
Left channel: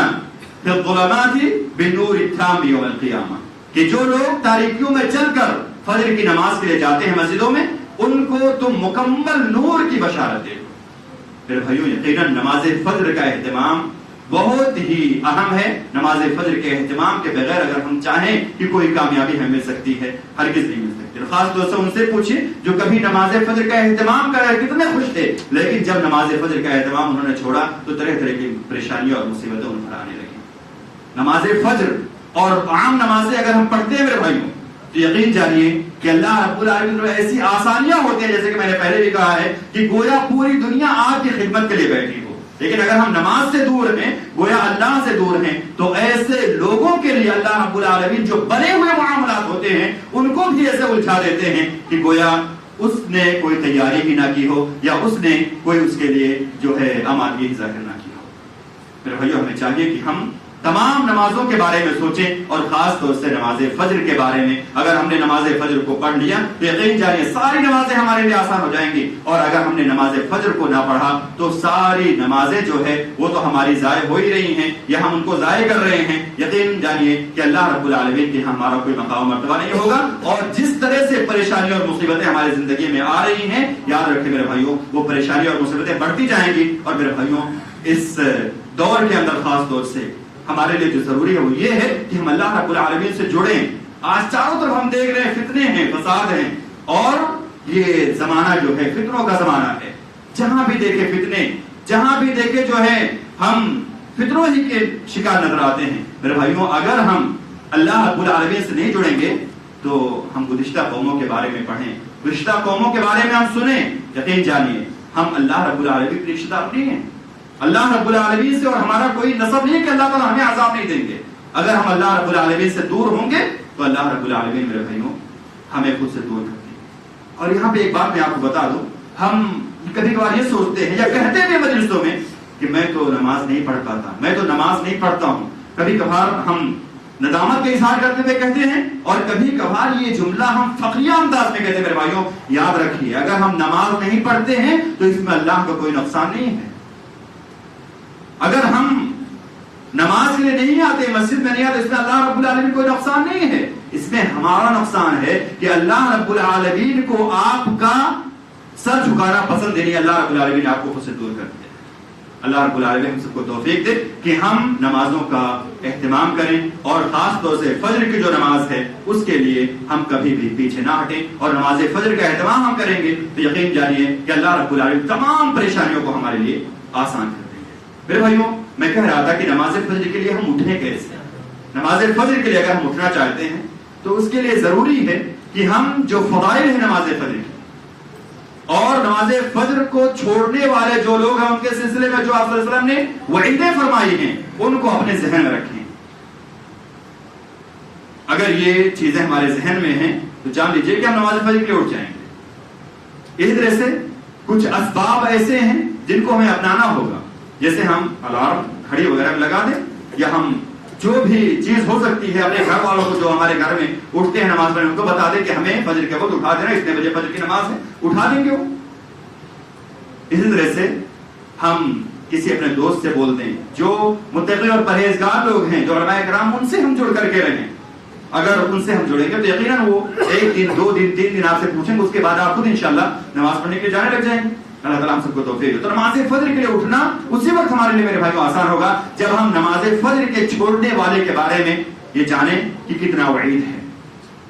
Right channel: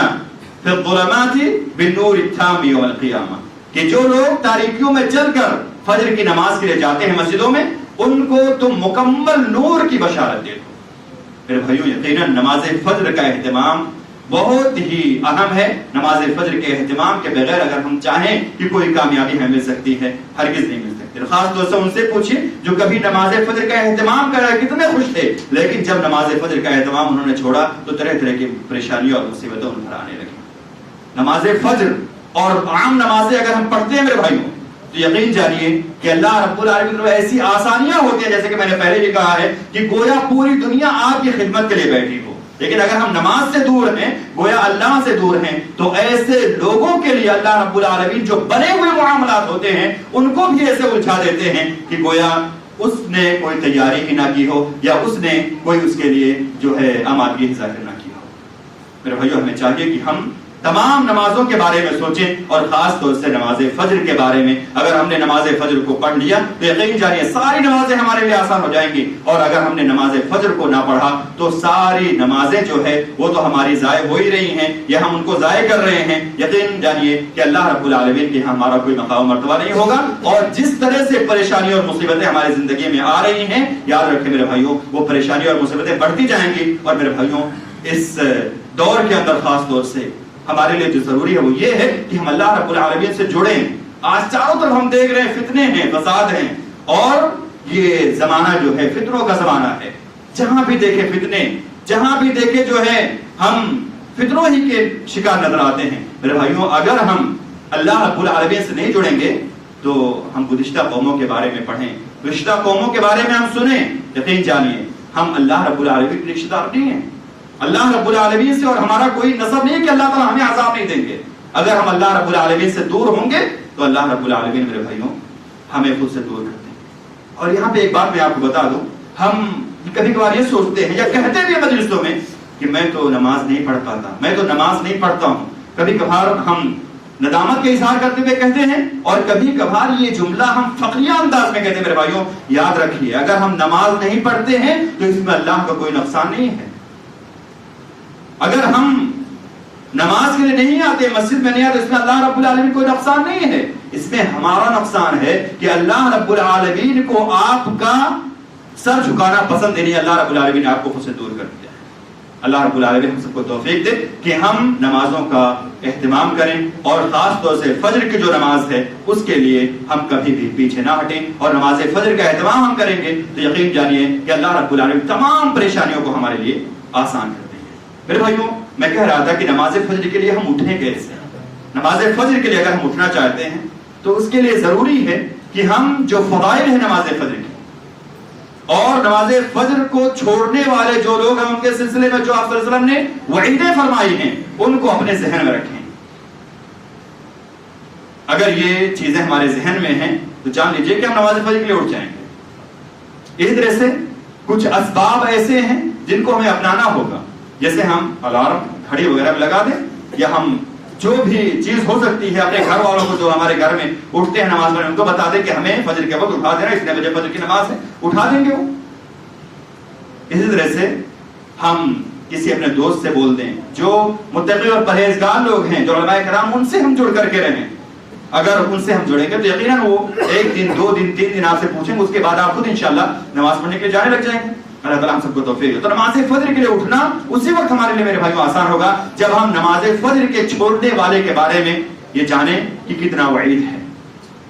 فی الظلمات بالنور التام یوم القیامہ، کہ جو لوگ تاریکیوں میں چل کر فجر کی نماز کے لیے جاتے ہیں مسجدوں میں، ان کو تم مکمل نور کی بشارت دے دو۔ میرے بھائیوں یقیناً نماز فجر کا اہتمام بہت ہی اہم ہے۔ نماز فجر کے اہتمام کے بغیر اگر ہم چاہیں کہ کوئی کامیابی ہمیں مل سکتی ہے، ہرگز نہیں مل سکتی۔ خاص طور سے ان سے پوچھیے جو کبھی نماز فجر کا اہتمام کر رہے کتنے خوش تھے، لیکن جب نماز فجر کا اہتمام انہوں نے چھوڑا تو طرح طرح کی پریشانیوں اور مصیبتیں ان پر آنے لگی۔ نماز فجر اور عام نمازیں اگر ہم پڑھتے ہیں میرے بھائیوں تو یقین جانیے کہ اللہ رب العالمین میں ایسی آسانیاں ہوتی ہیں، جیسے کہ میں نے پہلے بھی کہا ہے کہ گویا پوری دنیا آپ کی خدمت کے لیے بیٹھی ہو، لیکن اگر ہم نماز سے دور ہیں، گویا اللہ سے دور ہیں، تو ایسے لوگوں کے لیے اللہ رب العالمین جو بنے ہوئے معاملات ہوتے ہیں ان کو بھی ایسے الجھا دیتے ہیں کہ گویا اس نے کوئی تیاری ہی نہ کی ہو، یا اس نے کوئی اس کے لیے جو ہے آمادگی ذکر نہ کی ہو۔ میرے بھائیو ہمیں چاہیے کہ ہم تمام نمازوں کے بارے میں سوچیں، اور خاص طور سے نماز فجر کے بارے میں۔ اگر ہم نے نماز فجر کو پڑھ لیا تو یقین جانیے ساری نمازیں ہمارے لیے آسان ہو جائیں گی، اور اگر ہم نے نماز فجر کو نہ پڑھا تو ساری نمازیں جو ہے وہ تو ہماری ضائع ہو ہی رہی ہیں، یا ہم ان کو ضائع کر رہے ہیں۔ یقین جانیے کہ اللہ رب العالمین کے ہمارا کوئی مقام مرتبہ نہیں ہوگا، اور جس طرح سے پریشانی اور مصیبتیں ہماری زندگی میں آ رہی ہیں، یاد رکھیں میرے بھائیوں وہ پریشانی اور مصیبتیں بڑھتی جائیں گی۔ اور میرے بھائیوں اس دور کے اندر خاص طور سے ہمارے لیے جو ضروری ہے وہ یہ ہے کہ ہم اللہ رب العالمین سے جڑیں۔ آج چاروں طرف ہم دیکھ رہے ہیں فتنے ہیں، فساد ہیں، اور یہ زمانہ جو ہے فتنوں کا زمانہ ہے۔ جہاں بھی دیکھے فتنے، جہاں بھی دیکھے جو ہے ہم فتنوں ہی کے شکار نظر آتے ہیں۔ میرے بھائیوں اگر ہم اللہ رب العالمین سے نہیں جڑیں گے تو ہم گزشتہ قوموں کے بارے میں پڑھیں، گزشتہ قوموں کے بارے میں ہم سنیں، یقین جانیے ہم اللہ رب العالمین کے رشتہ دار نہیں ہیں۔ اللہ رب العالمین سے اور ہمارا کوئی نسب نہیں کہ اللہ تعالیٰ ہمیں عذاب نہیں دیں گے۔ اگر ہم اللہ رب العالمین سے دور ہوں گے تو اللہ رب العالمین میرے بھائیوں ہمیں خود سے دور کرتے ہیں۔ اور یہاں پہ ایک بات میں آپ کو بتا دوں، ہم کبھی کبھار یہ سوچتے ہیں یا کہتے بھی مجلسوں میں کہ میں تو نماز نہیں پڑھ پاتا، میں تو نماز نہیں پڑھتا ہوں۔ کبھی کبھار ہم ندامت کا اظہار کرتے ہوئے کہتے ہیں، اور کبھی کبھار یہ جملہ ہم فخریہ انداز میں کہتے ہیں۔ میرے بھائیوں یاد رکھیے اگر ہم نماز نہیں پڑھتے ہیں تو اس میں اللہ کا کوئی نقصان نہیں ہے۔ اگر ہم نماز کے لیے نہیں آتے، مسجد میں نہیں آتے، اس میں اللہ رب العالمین کوئی نقصان نہیں ہے، اس میں ہمارا نقصان ہے کہ اللہ رب العالمین کو آپ کا سر جھکانا پسند نہیں ہے، اللہ رب العالمین آپ کو خود سے دور کر دیا۔ اللہ رب العالمین ہم سب کو توفیق دے کہ ہم نمازوں کا اہتمام کریں، اور خاص طور سے فجر کی جو نماز ہے اس کے لیے ہم کبھی بھی پیچھے نہ ہٹیں، اور نماز فجر کا اہتمام ہم کریں گے تو یقین جانیے کہ اللہ رب العالمین تمام پریشانیوں کو ہمارے لیے آسان کر دیں گے۔ میرے بھائیوں میں کہہ رہا تھا کہ نماز فجر کے لیے ہم اٹھیں کیسے؟ نماز فجر کے لیے اگر ہم اٹھنا چاہتے ہیں تو اس کے لیے ضروری ہے کہ ہم جو فضائل ہیں نماز فجر کی، اور نماز فجر کو چھوڑنے والے جو لوگ ہیں ان کے سلسلے میں جو آپ صلی اللہ علیہ وسلم نے وعیدیں فرمائی ہیں ان کو اپنے ذہن میں رکھیں۔ اگر یہ چیزیں ہمارے ذہن میں ہیں تو جان لیجئے کہ ہم نماز فجر کے لیے اٹھ جائیں گے۔ اس طرح سے کچھ اسباب ایسے ہیں جن کو ہمیں اپنانا ہوگا، جیسے ہم الارم گھڑی وغیرہ لگا دیں، یا ہم جو بھی چیز ہو سکتی ہے اپنے گھر والوں کو جو ہمارے گھر میں اٹھتے ہیں نماز پڑھنے ان کو بتا دیں کہ ہمیں فجر کے وقت اٹھا دینا، اتنے بجے فجر کی نماز ہے، اٹھا دیں گے وہ۔ اسی طرح سے ہم کسی اپنے دوست سے بول دیں جو متقی اور پرہیزگار لوگ ہیں، جو علماء کرام، ان سے ہم جڑ کر کے رہیں۔ اگر ان سے ہم جڑیں گے تو یقیناً وہ 1 دن 2 دن 3 دن آپ سے پوچھیں گے، اس کے بعد آپ خود انشاءاللہ نماز پڑھنے کے لیے جانے لگ جائیں گے۔ اللہ تعالیٰ ہم سب کو توفیق دے۔ تو نماز فجر کے لیے اٹھنا اسی وقت ہمارے لیے میرے بھائیوں آسان ہوگا جب ہم نماز فجر کے چھوڑنے والے کے بارے میں یہ جانیں کہ کتنا وعید ہے۔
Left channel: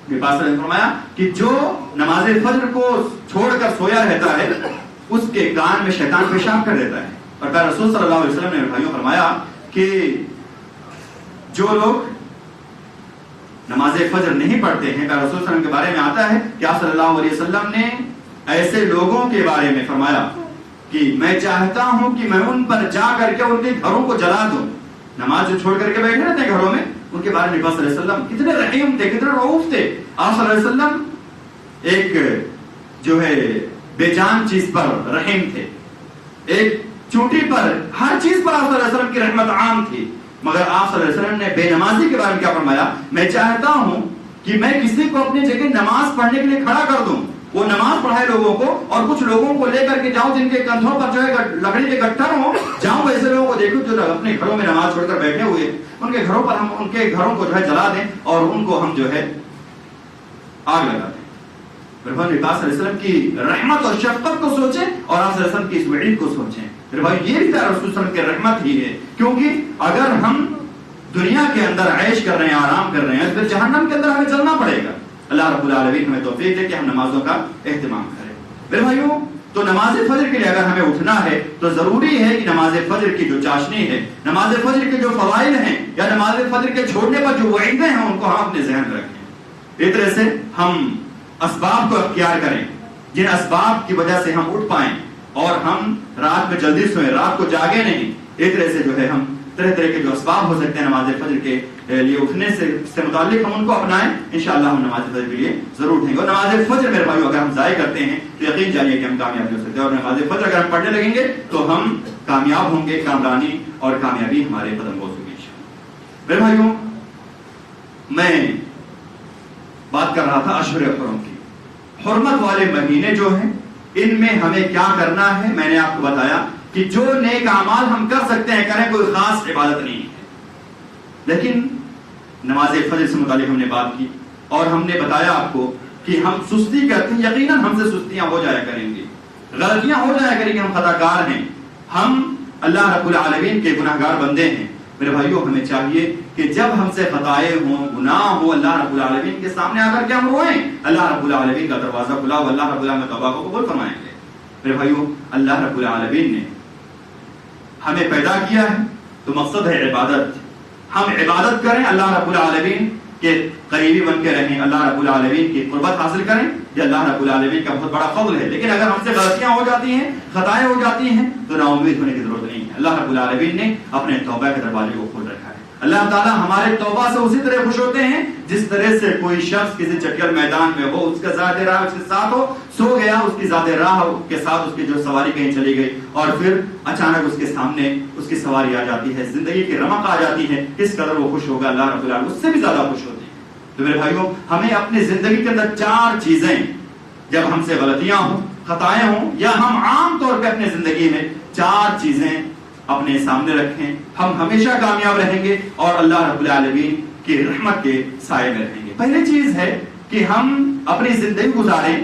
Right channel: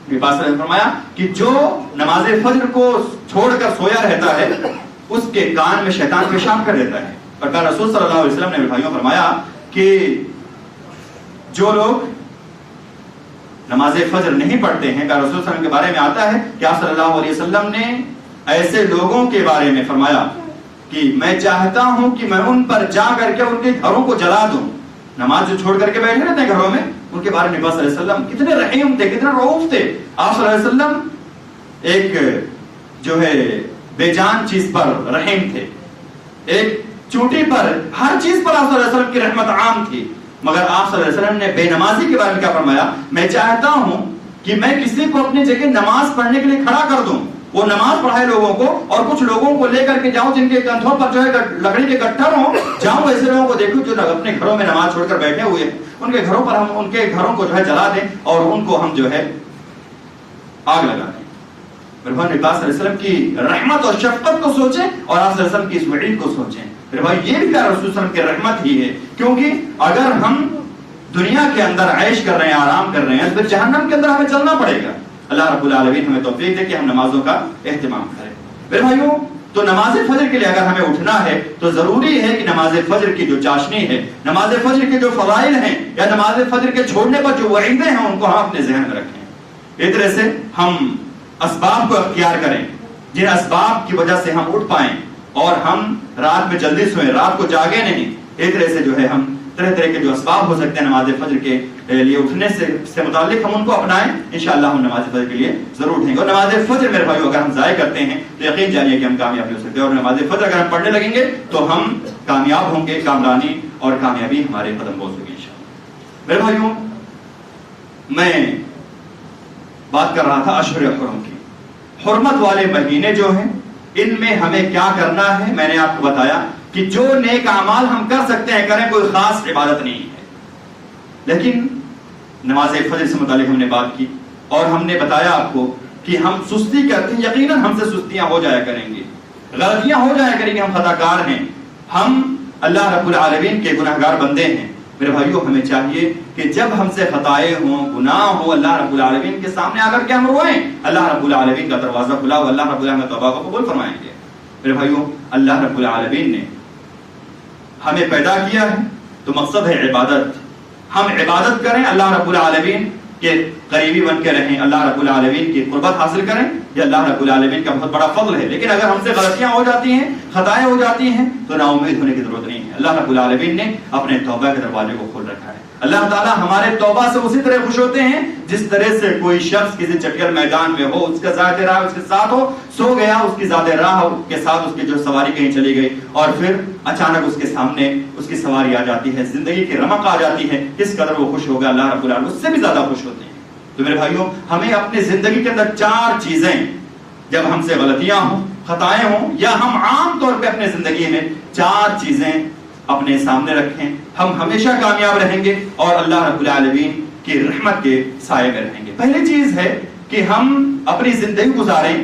میرے پاس فرمایا کہ جو نماز فجر کو چھوڑ کر سویا رہتا ہے اس کے کان میں شیطان پیشاب کر دیتا ہے۔ اور پھر رسول صلی اللہ علیہ وسلم نے میرے بھائیوں فرمایا کہ جو لوگ نماز فجر نہیں پڑھتے ہیں، پھر رسول صلی اللہ علیہ وسلم کے بارے میں آتا ہے کہ آپ صلی اللہ علیہ وسلم نے ایسے لوگوں کے بارے میں فرمایا کہ میں چاہتا ہوں کہ میں ان پر جا کر کے ان کے گھروں کو جلا دوں۔ نماز جو چھوڑ کر کے بیٹھے رہتے ہیں گھروں میں، ان کے بارے میں نبی صلی اللہ علیہ وسلم کتنے رحیم تھے، کتنے رؤوف تھے. آپ صلی اللہ علیہ وسلم ایک جو ہے بے جان چیز پر رحیم تھے، ایک چوٹی پر، ہر چیز پر آپ صلی اللہ علیہ وسلم کی رحمت عام تھی. مگر آپ صلی اللہ علیہ وسلم نے بے نمازی کے بارے میں کیا فرمایا؟ میں چاہتا ہوں کہ میں کسی کو اپنی جگہ نماز پڑھنے کے لیے کھڑا کر دوں، وہ نماز پڑھائے لوگوں کو، اور کچھ لوگوں کو لے کر کے جاؤں جن کے کندھوں پر جو ہے لکڑی کے گٹھر ہوں، جاؤں ایسے لوگوں کو دیکھوں جو اپنے گھروں میں نماز چھوڑ کر بیٹھے ہوئے ہیں، ان کے گھروں پر ہم ان کے گھروں کو جو ہے جلا دیں اور ان کو ہم جو ہے آگ لگا دیں. میرے بھائی نبی صلی اللہ علیہ وسلم کی رحمت اور شفقت کو سوچیں اور آپ صلی اللہ علیہ وسلم کی اس وعید کو سوچیں. میرے بھائی یہ بھی پیارے رسول صلی اللہ علیہ وسلم کی رحمت ہی ہے، کیونکہ اگر ہم دنیا کے اندر عیش کر رہے ہیں، آرام کر رہے ہیں، پھر جہنم کے اندر ہمیں چلنا پڑے گا. اللہ رب العالمین ہمیں توفیق دے کہ ہم نمازوں کا اہتمام کریں. میرے بھائیوں تو نماز فجر کے لیے اگر ہمیں اٹھنا ہے تو ضروری ہے کہ نماز فجر کی جو چاشنی ہے، نماز فجر کے جو فضائل ہیں یا نماز فجر کے چھوڑنے پر جو وعیدیں ہیں ان کو ہم اپنے ذہن میں رکھیں. اس طرح سے ہم اسباب کو اختیار کریں جن اسباب کی وجہ سے ہم اٹھ پائیں اور ہم رات میں جلدی سوئیں، رات کو جاگے نہیں. اس طرح سے جو ہے ہم طرح طرح کے جو اسباب ہو سکتے ہیں نماز فجر کے لیے اٹھنے سے متعلق ہم ان کو اپنائیں. انشاءاللہ ہم نماز فجر کے لیے ضرور اٹھیں گے. اور نماز فجر میرے بھائیوں اگر ہم ضائع کرتے ہیں تو یقین جانیے کہ ہم کامیاب ہو سکتے ہیں، اور نماز فجر اگر ہم پڑھنے لگیں گے تو ہم کامیاب ہوں گے، کامرانی اور کامیابی ہمارے قدم بوس ہوگی انشاءاللہ. میرے بھائیوں میں بات کر رہا تھا اشہر حرم کی. حرمت والے مہینے جو ہیں ان میں ہمیں کیا کرنا ہے میں نے آپ کو بتایا کہ جو نیک اعمال ہم کر سکتے ہیں کریں، کوئی خاص عبادت نہیں ہے. لیکن نماز فجر سے متعلق ہم نے بات کی اور ہم نے بتایا آپ کو کہ ہم سستی کرتے ہیں، یقیناً ہم سے سستیاں ہو جایا کریں گی، غلطیاں ہو جایا کریں گی، ہم خطا کار ہیں، ہم اللہ رب العالمین کے گناہ گار بندے ہیں. میرے بھائیوں ہمیں چاہیے کہ جب ہم سے خطائیں ہوں، گناہ ہو، اللہ رب العالمین کے سامنے آ کر کے ہم روئیں. اللہ رب العالمین کا دروازہ کھلا ہو، اللہ رب العالمین توبہ کو قبول فرمائیں گے. میرے بھائیوں اللہ رب العالمین نے ہمیں پیدا کیا ہے تو مقصد ہے عبادت. ہم عبادت کریں، اللہ رب العالمین کے قریبی بن کے رہیں، اللہ رب العالمین کی قربت حاصل کریں، یہ اللہ رب العالمین کا بہت بڑا فضل ہے. لیکن اگر ہم سے غلطیاں ہو جاتی ہیں، خطائیں ہو جاتی ہیں تو نا امید ہونے کی ضرورت نہیں ہے. اللہ رب العالمین نے اپنے توبہ کے دروازے کو کھول رکھا ہے. اللہ تعالیٰ ہمارے توبہ سے اسی طرح خوش ہوتے ہیں جس طرح سے کوئی شخص کسی چٹیل میدان میں ہو، اس کا ذات راہ اس کے ساتھ ہو، سو گیا، اس کی ذات راہ کے ساتھ اس کی جو سواری کہیں چلی گئی اور پھر اچانک اس کے سامنے اس کی سواری آ جاتی ہے، زندگی کی رمق آ جاتی ہے، کس قدر وہ خوش ہوگا. اللہ رب العالمین اس سے بھی زیادہ خوش ہوتے ہیں. تو میرے بھائیوں ہمیں اپنی زندگی کے اندر 4 چیزیں، جب ہم سے غلطیاں ہوں، خطائیں ہوں، یا ہم عام طور پہ اپنے زندگی میں 4 چیزیں اپنے سامنے رکھیں، ہم ہمیشہ کامیاب رہیں گے اور اللہ رب العالمین کی رحمت کے سائے میں رہیں گے. پہلی چیز ہے کہ ہم اپنی زندگی گزاریں،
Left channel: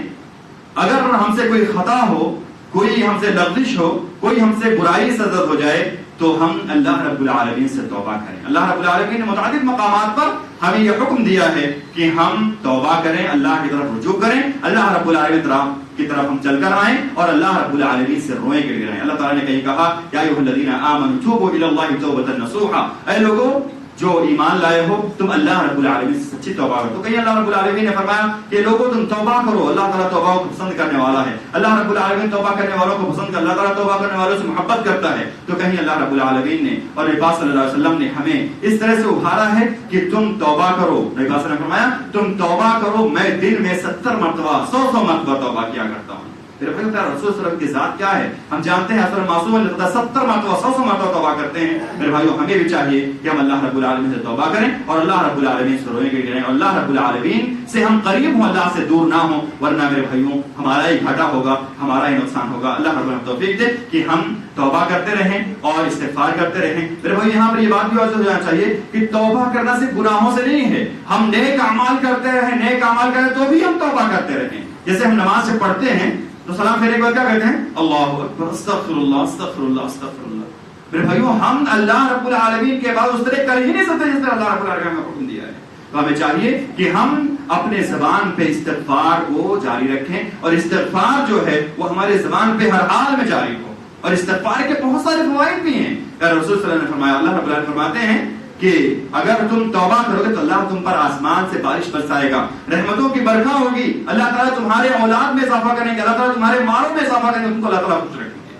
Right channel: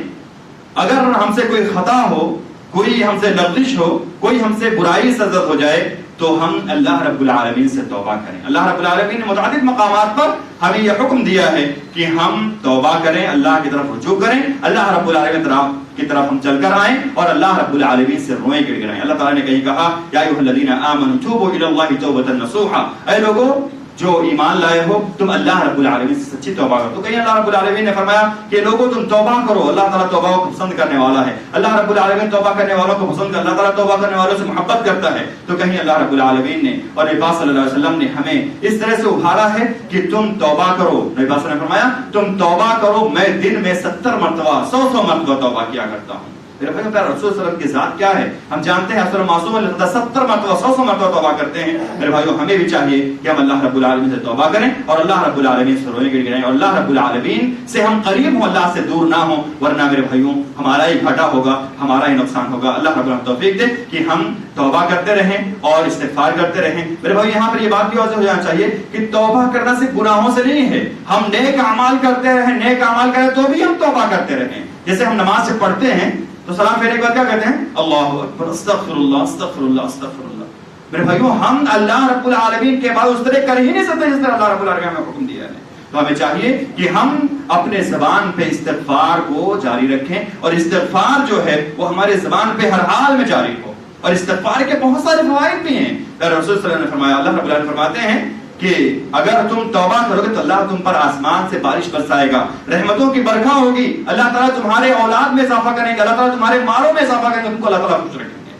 اگر ہم سے کوئی خطا ہو، کوئی ہم سے لغزش ہو، کوئی ہم سے برائی سرزد ہو جائے تو ہم اللہ رب العالمین سے توبہ کریں. اللہ رب العالمین نے متعدد مقامات پر ہمیں یہ حکم دیا ہے کہ ہم توبہ کریں، اللہ کی طرف رجوع کریں، اللہ رب العالمین کی طرف ہم چل کر آئیں اور اللہ رب العالمین سے روئیں گڑ گڑائیں. اللہ تعالیٰ نے کہیں کہا یا ایھا الذین آمنوا توبوا الی اللہ توبۃ نصوحا، اے لوگوں جو ایمان لائے ہو تم اللہ رب العالمین سے سچی توبہ کرو. تو کہیں اللہ رب العالمین نے فرمایا کہ لوگوں تم توبہ کرو، اللہ تعالیٰ توبہ کو پسند کرنے والا ہے. اللہ رب العالمین توبہ کرنے والوں کو پسند کرتا ہے، اللہ تعالیٰ توبہ کرنے والوں سے محبت کرتا ہے. تو کہیں اللہ رب العالمین نے اور نبی صلی اللہ علیہ وسلم نے ہمیں اس طرح سے ابھارا ہے کہ تم توبہ کرو. نبی صلی اللہ علیہ وسلم نے فرمایا تم توبہ کرو، میں دن میں 70 مرتبہ 100 مرتبہ توبہ کیا کرتا ہوں. میرے بھائی رسول صلی اللہ علیہ وسلم کی ذات کیا ہے ہم جانتے ہیں. حضرت معصوم نے 70 مرتبہ 100 مرتبہ توبہ کرتے ہیں. میرے بھائیوں ہمیں بھی چاہیے کہ ہم اللہ رب العالمین سے توبہ کریں اور اللہ رب العالمین سے روئیں گڑگڑائیں اور اللہ رب العالمین سے ہم قریب ہوں، اللہ سے دور نہ ہوں، ورنہ میرے بھائیوں ہمارا ہی گھاٹا ہوگا، ہمارا ہی نقصان ہوگا. اللہ رب العالمین توفیق دے کہ ہم توبہ کرتے رہیں اور استغفار کرتے رہیں. میرے بھائی یہاں پر یہ بات کی وجہ ہو جانا چاہیے کہ توبہ کرنا صرف گناہوں سے نہیں ہے، ہم نیک اعمال کرتے رہیں، نیک اعمال کریں تو بھی ہم توبہ کرتے رہیں. جیسے ہم نماز سے پڑھتے ہیں تو سلام پھیرنے کے بعد کیا کہتے ہیں؟ اللہ اکبر، استغفر اللہ استغفر اللہ استغفر اللہ. میرے بھائیوں ہم اللہ رب العالمین کے بعد اس طرح کر ہی نہیں سکتے جس طرح اللہ رب العالمین نے حکم دیا ہے. تو ہمیں چاہیے کہ ہم اپنے زبان پہ استغفار کو جاری رکھیں اور استغفار جو ہے وہ ہمارے زبان پہ ہر حال میں جاری ہو. اور استغفار کے بہت سارے فوائد بھی ہیں. رسول صلی اللہ علیہ وسلم نے فرمایا، اللہ رب العالمین فرماتے ہیں کہ اگر تم توبہ کرو گے تو اللہ تم پر آسمان سے بارش برسائے گا، رحمتوں کی برکھا ہوگی، اللہ تعالیٰ تمہارے اولاد میں اضافہ کریں گے، اللہ تعالیٰ تمہارے مالوں میں اضافہ کریں گے، تم کو اللہ تعالیٰ خوش رکھیں گے.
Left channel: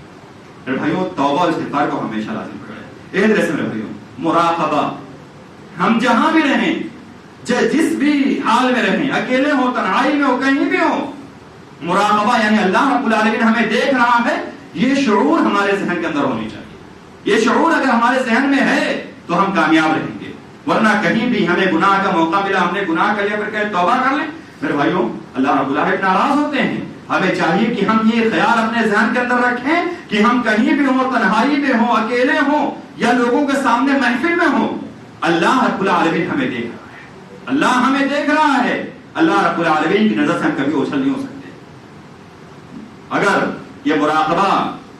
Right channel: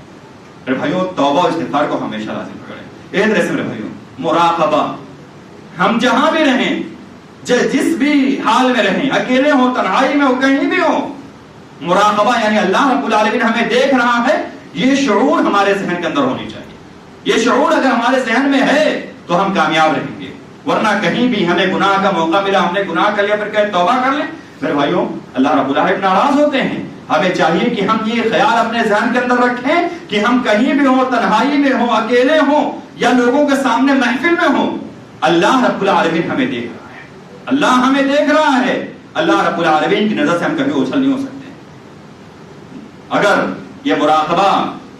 میرے بھائیوں توبہ اور استغفار کو ہمیشہ لازم پکڑیں. ایک طرح سے میرے بھائیوں مراقبہ، ہم جہاں بھی رہیں، جس بھی حال میں رہیں، اکیلے ہوں، تنہائی میں ہو، کہیں بھی ہو، مراقبہ یعنی اللہ رب العالمین ہمیں دیکھ رہا ہے، یہ شعور ہمارے ذہن کے اندر ہونی چاہیے. یہ شعور اگر ہمارے ذہن میں ہے تو ہم کامیاب رہیں گے. ورنہ کہیں بھی ہمیں گناہ کا موقع ملا، ہم نے گناہ کر لیا، پھر کہ توبہ کر لیں، میرے بھائیوں اللہ رب العالمین ناراض ہوتے ہیں. ہمیں چاہیے کہ ہم یہ خیال اپنے ذہن کے اندر رکھیں کہ ہم کہیں بھی ہوں، تنہائی میں ہوں، اکیلے ہوں یا لوگوں کے سامنے محفل میں ہوں، اللہ رب العالمین ہمیں دیکھ رہا ہے. اللہ ہمیں دیکھ رہا ہے. اللہ رب العالمین کی نظر سے ہم کبھی اوچھل نہیں ہو سکتے. اگر یہ مراقبہ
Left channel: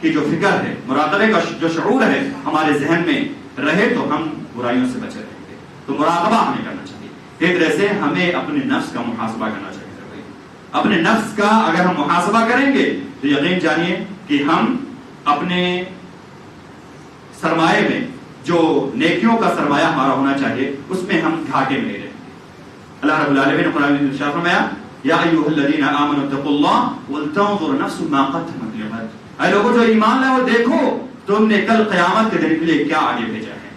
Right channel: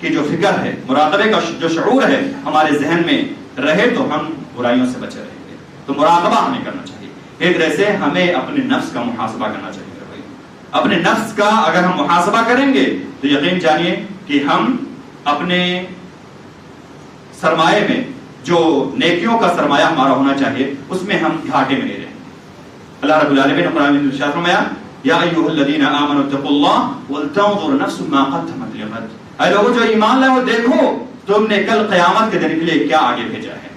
کی جو فکر ہے، مراقبے کا جو شعور ہے ہمارے ذہن میں رہے تو ہم برائیوں سے بچے رہیں گے. تو مراقبہ ہمیں کرنا چاہیے. ایک طرح سے ہمیں اپنے نفس کا محاسبہ کرنا چاہیے. اپنے نفس کا اگر ہم محاسبہ کریں گے تو یقین جانیے کہ ہم اپنے سرمایے میں جو نیکیوں کا سرمایہ ہمارا ہونا چاہیے اس میں ہم گھاٹے میں نہیں رہیں گے. اللہ رب العالمین نے قرآن میں ارشاد فرمایا یا ایھا الذین آمنوا اتقوا اللہ ولتنظر نفس ما قدمت لغد. اے لوگوں جو ایمان لائے ہو، دیکھو تم نے کل قیامت کے دن کے لیے کیا آگے بھیجا ہے.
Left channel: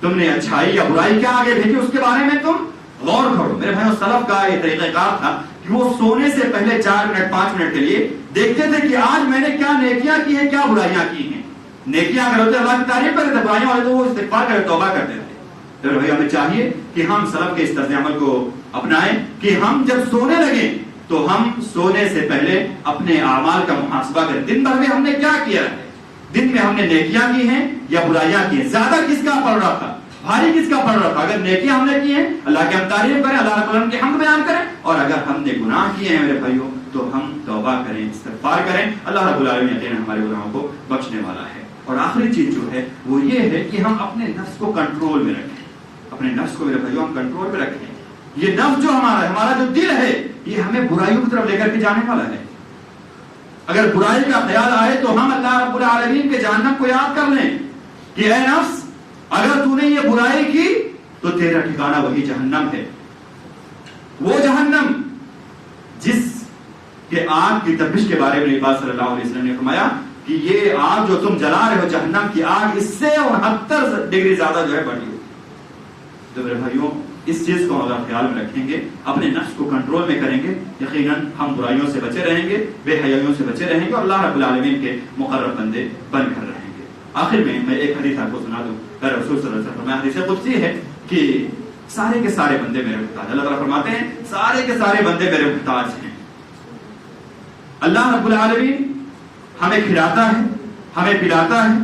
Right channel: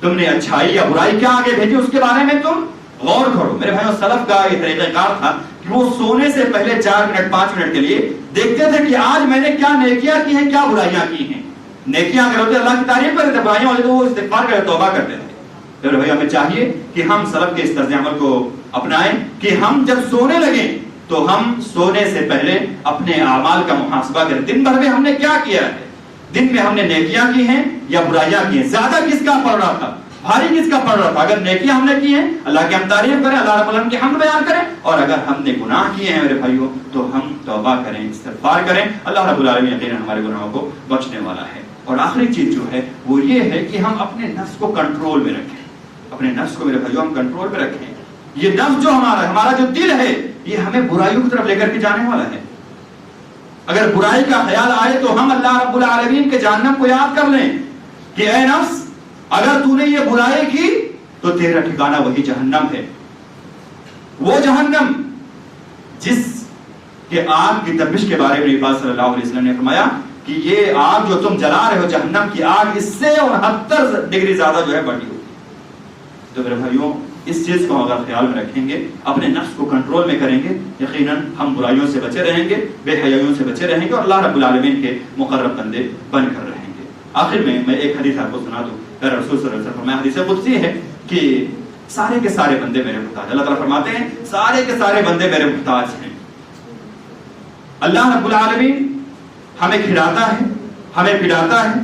تم نے اچھائی یا برائی کیا آگے بھیجی، اس کے بارے میں تم غور کرو. میرے بھائیوں سلف کا ایک طریقہ کار تھا کہ وہ سونے سے پہلے 4 منٹ 5 منٹ کے لیے دیکھتے تھے کہ آج میں نے کیا نیکیاں کی ہیں، کیا برائیاں کی ہیں. نیکیاں اگر ہوتے اللہ کی تعریف کرتے تھے، برائیاں ہوتے تو وہ استغفار کرتے، توبہ کرتے تھے. تو بھائی ہمیں چاہیے کہ ہم سلف کے اس طرز عمل کو اپنائیں کہ ہم جب سونے لگیں تو ہم سونے سے پہلے اپنے اعمال کا محاسبہ کریں. دن بھر میں ہم نے کیا کیا ہے، دن میں ہم نے نیکیاں کی ہیں یا برائیاں کی ہیں، زیادہ کس کا پڑ رہا تھا، بھاری کس کا پڑ رہا تھا. اگر نیکیاں ہم نے کی ہیں اللہ کی ہم تعریف کریں، اللہ رب العالمین کی حمد بیان کریں. اور اگر ہم نے گناہ کیے ہیں میرے بھائیوں تو ہم توبہ کریں، استغفار کریں. اللہ رب العالمین یقیناً ہمارے گناہوں کو بخشنے والا ہے. اور آخری چیز جو ہے وہ یہ ہے کہ ہم اپنے نفس کو کنٹرول میں رکھیں. اپنے نفس کو میرے بھائیوں ہم کنٹرول میں رکھیں. یہ نفس جو ہمارا جو دل ہے یہ ہمیں برائیوں کی طرف لے کر کے جانے والا ہے. اگر برائی کا خیال آئے تو ہم اللہ رب العالمین کے جہنم کو یاد کر لیں کہ اے نفس اگر تو نے یہ برائی کی تو تیرا ٹھکانہ وہی جہنم ہے. وہ جہنم جس کے آگ کی تپش کے بارے میں نبی صلی اللہ علیہ وسلم نے فرمایا کہ یہ آگ جو تم جلا رہے ہو، جہنم کی آگ، اس سے 69 ڈگری زیادہ جو ہے بڑھی ہوئی. تو میرے بھائیوں اس چیز کو اگر خیال میں رکھیں گے، اپنے نفس کو کنٹرول میں کریں گے، یقیناً ہم برائیوں سے بچے رہیں گے، بے حیائیوں سے بچے رہیں گے اور اللہ رب العالمین کے مقرب بندے بن کر رہیں گے. آخر میں ایک حدیث آپ کو سنا دوں. میرے رسول صلی اللہ علیہ وسلم حدیث قدسی ہے کہ سارے کے سارے بندے میرے محتاج. اللہ تعالیٰ فرماتے ہیں سارے کے سارے بندے میرے محتاج ہیں. اللہ رب العالمین ہمیں کھلاتا ہے، ہمیں پلاتا ہے،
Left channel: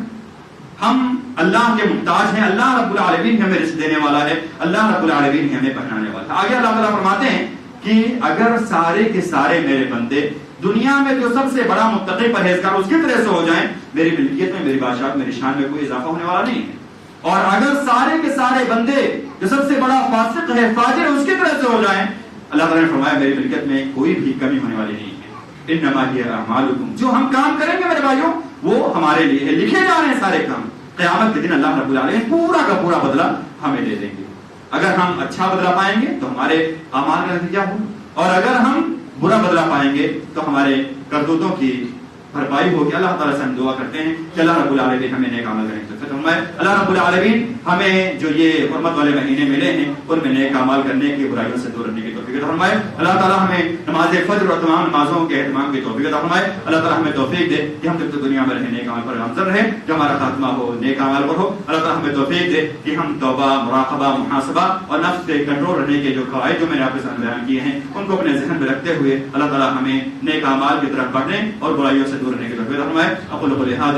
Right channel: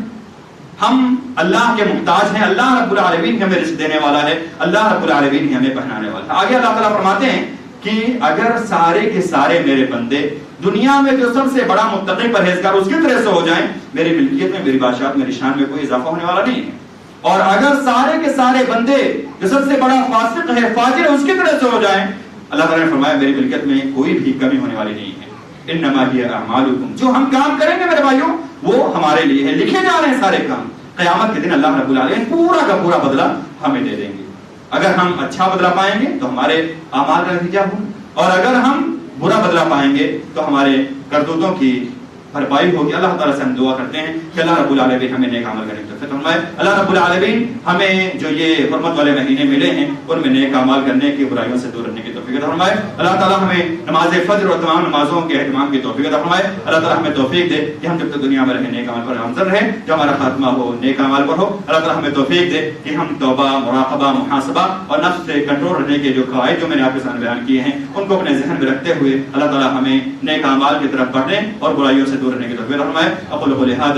ہم اللہ کے محتاج ہیں. اللہ رب العالمین ہمیں رزق دینے والا ہے، اللہ رب العالمین ہمیں پہنانے والا ہے. آگے اللہ تعالیٰ فرماتے ہیں کہ اگر سارے کے سارے میرے بندے دنیا میں جو سب سے بڑا متقی پرہیزگار اس کی طرح سے ہو جائیں، میری ملکیت میں، میری بادشاہت، میری شان میں کوئی اضافہ ہونے والا نہیں ہے. اور اگر سارے کے سارے بندے جو سب سے بڑا فاسق ہے، فاجر ہے، اس کی طرح سے ہو جائیں، اللہ تعالیٰ نے فرمایا میری ملکیت میں کوئی بھی کمی ہونے والی نہیں ہے. انما ہی اعمالکم، جو ہم کام کریں گے میرے بھائیوں وہ ہمارے لیے ہے، لکھے جا رہے ہیں سارے کام. قیامت کے دن اللہ رب العالمین پورا کا پورا بدلہ ہمیں دے دیں گے. اگر ہم اچھا بدلہ پائیں گے تو ہمارے اعمال کا نتیجہ ہوگا، اور اگر ہم برا بدلہ پائیں گے تو ہمارے کرتوتوں کی بھرپائی ہوگی. اللہ تعالیٰ سے ہم دعا کرتے ہیں کہ اللہ رب العالمین ہمیں نیک عمل کرنے کی توفیق فرمائے. اللہ رب العالمین ہمیں جو یہ حرمت والے مہینے ملے ہیں ان میں نیک عمل کرنے کی، برائیوں سے دور رہنے کی توفیق فرمائے. اللہ تعالیٰ ہمیں نماز فجر اور تمام نمازوں کے اہتمام کی توفیق فرمائے. اللہ تعالیٰ ہمیں توفیق دے کہ ہم جب تک دنیا میں رہیں نیک عمل پر گامزن رہیں، جو ہمارا خاتمہ ہو نیک عمل پر ہو. اللہ تعالیٰ ہمیں توفیق دے کہ ہم توبہ، مراقبہ، محاسبہ اور نفس سے کنٹرول رہنے کے جو قواعد جو میں نے آپ کے سامنے بیان کیے ہیں ان کو اپنے ذہن میں رکھتے ہوئے اللہ تعالیٰ ہمیں نیک اعمال کی طرف بڑھنے اور برائیوں سے دور رہنے کی توفیق فرمائے. اقول قولی ھذا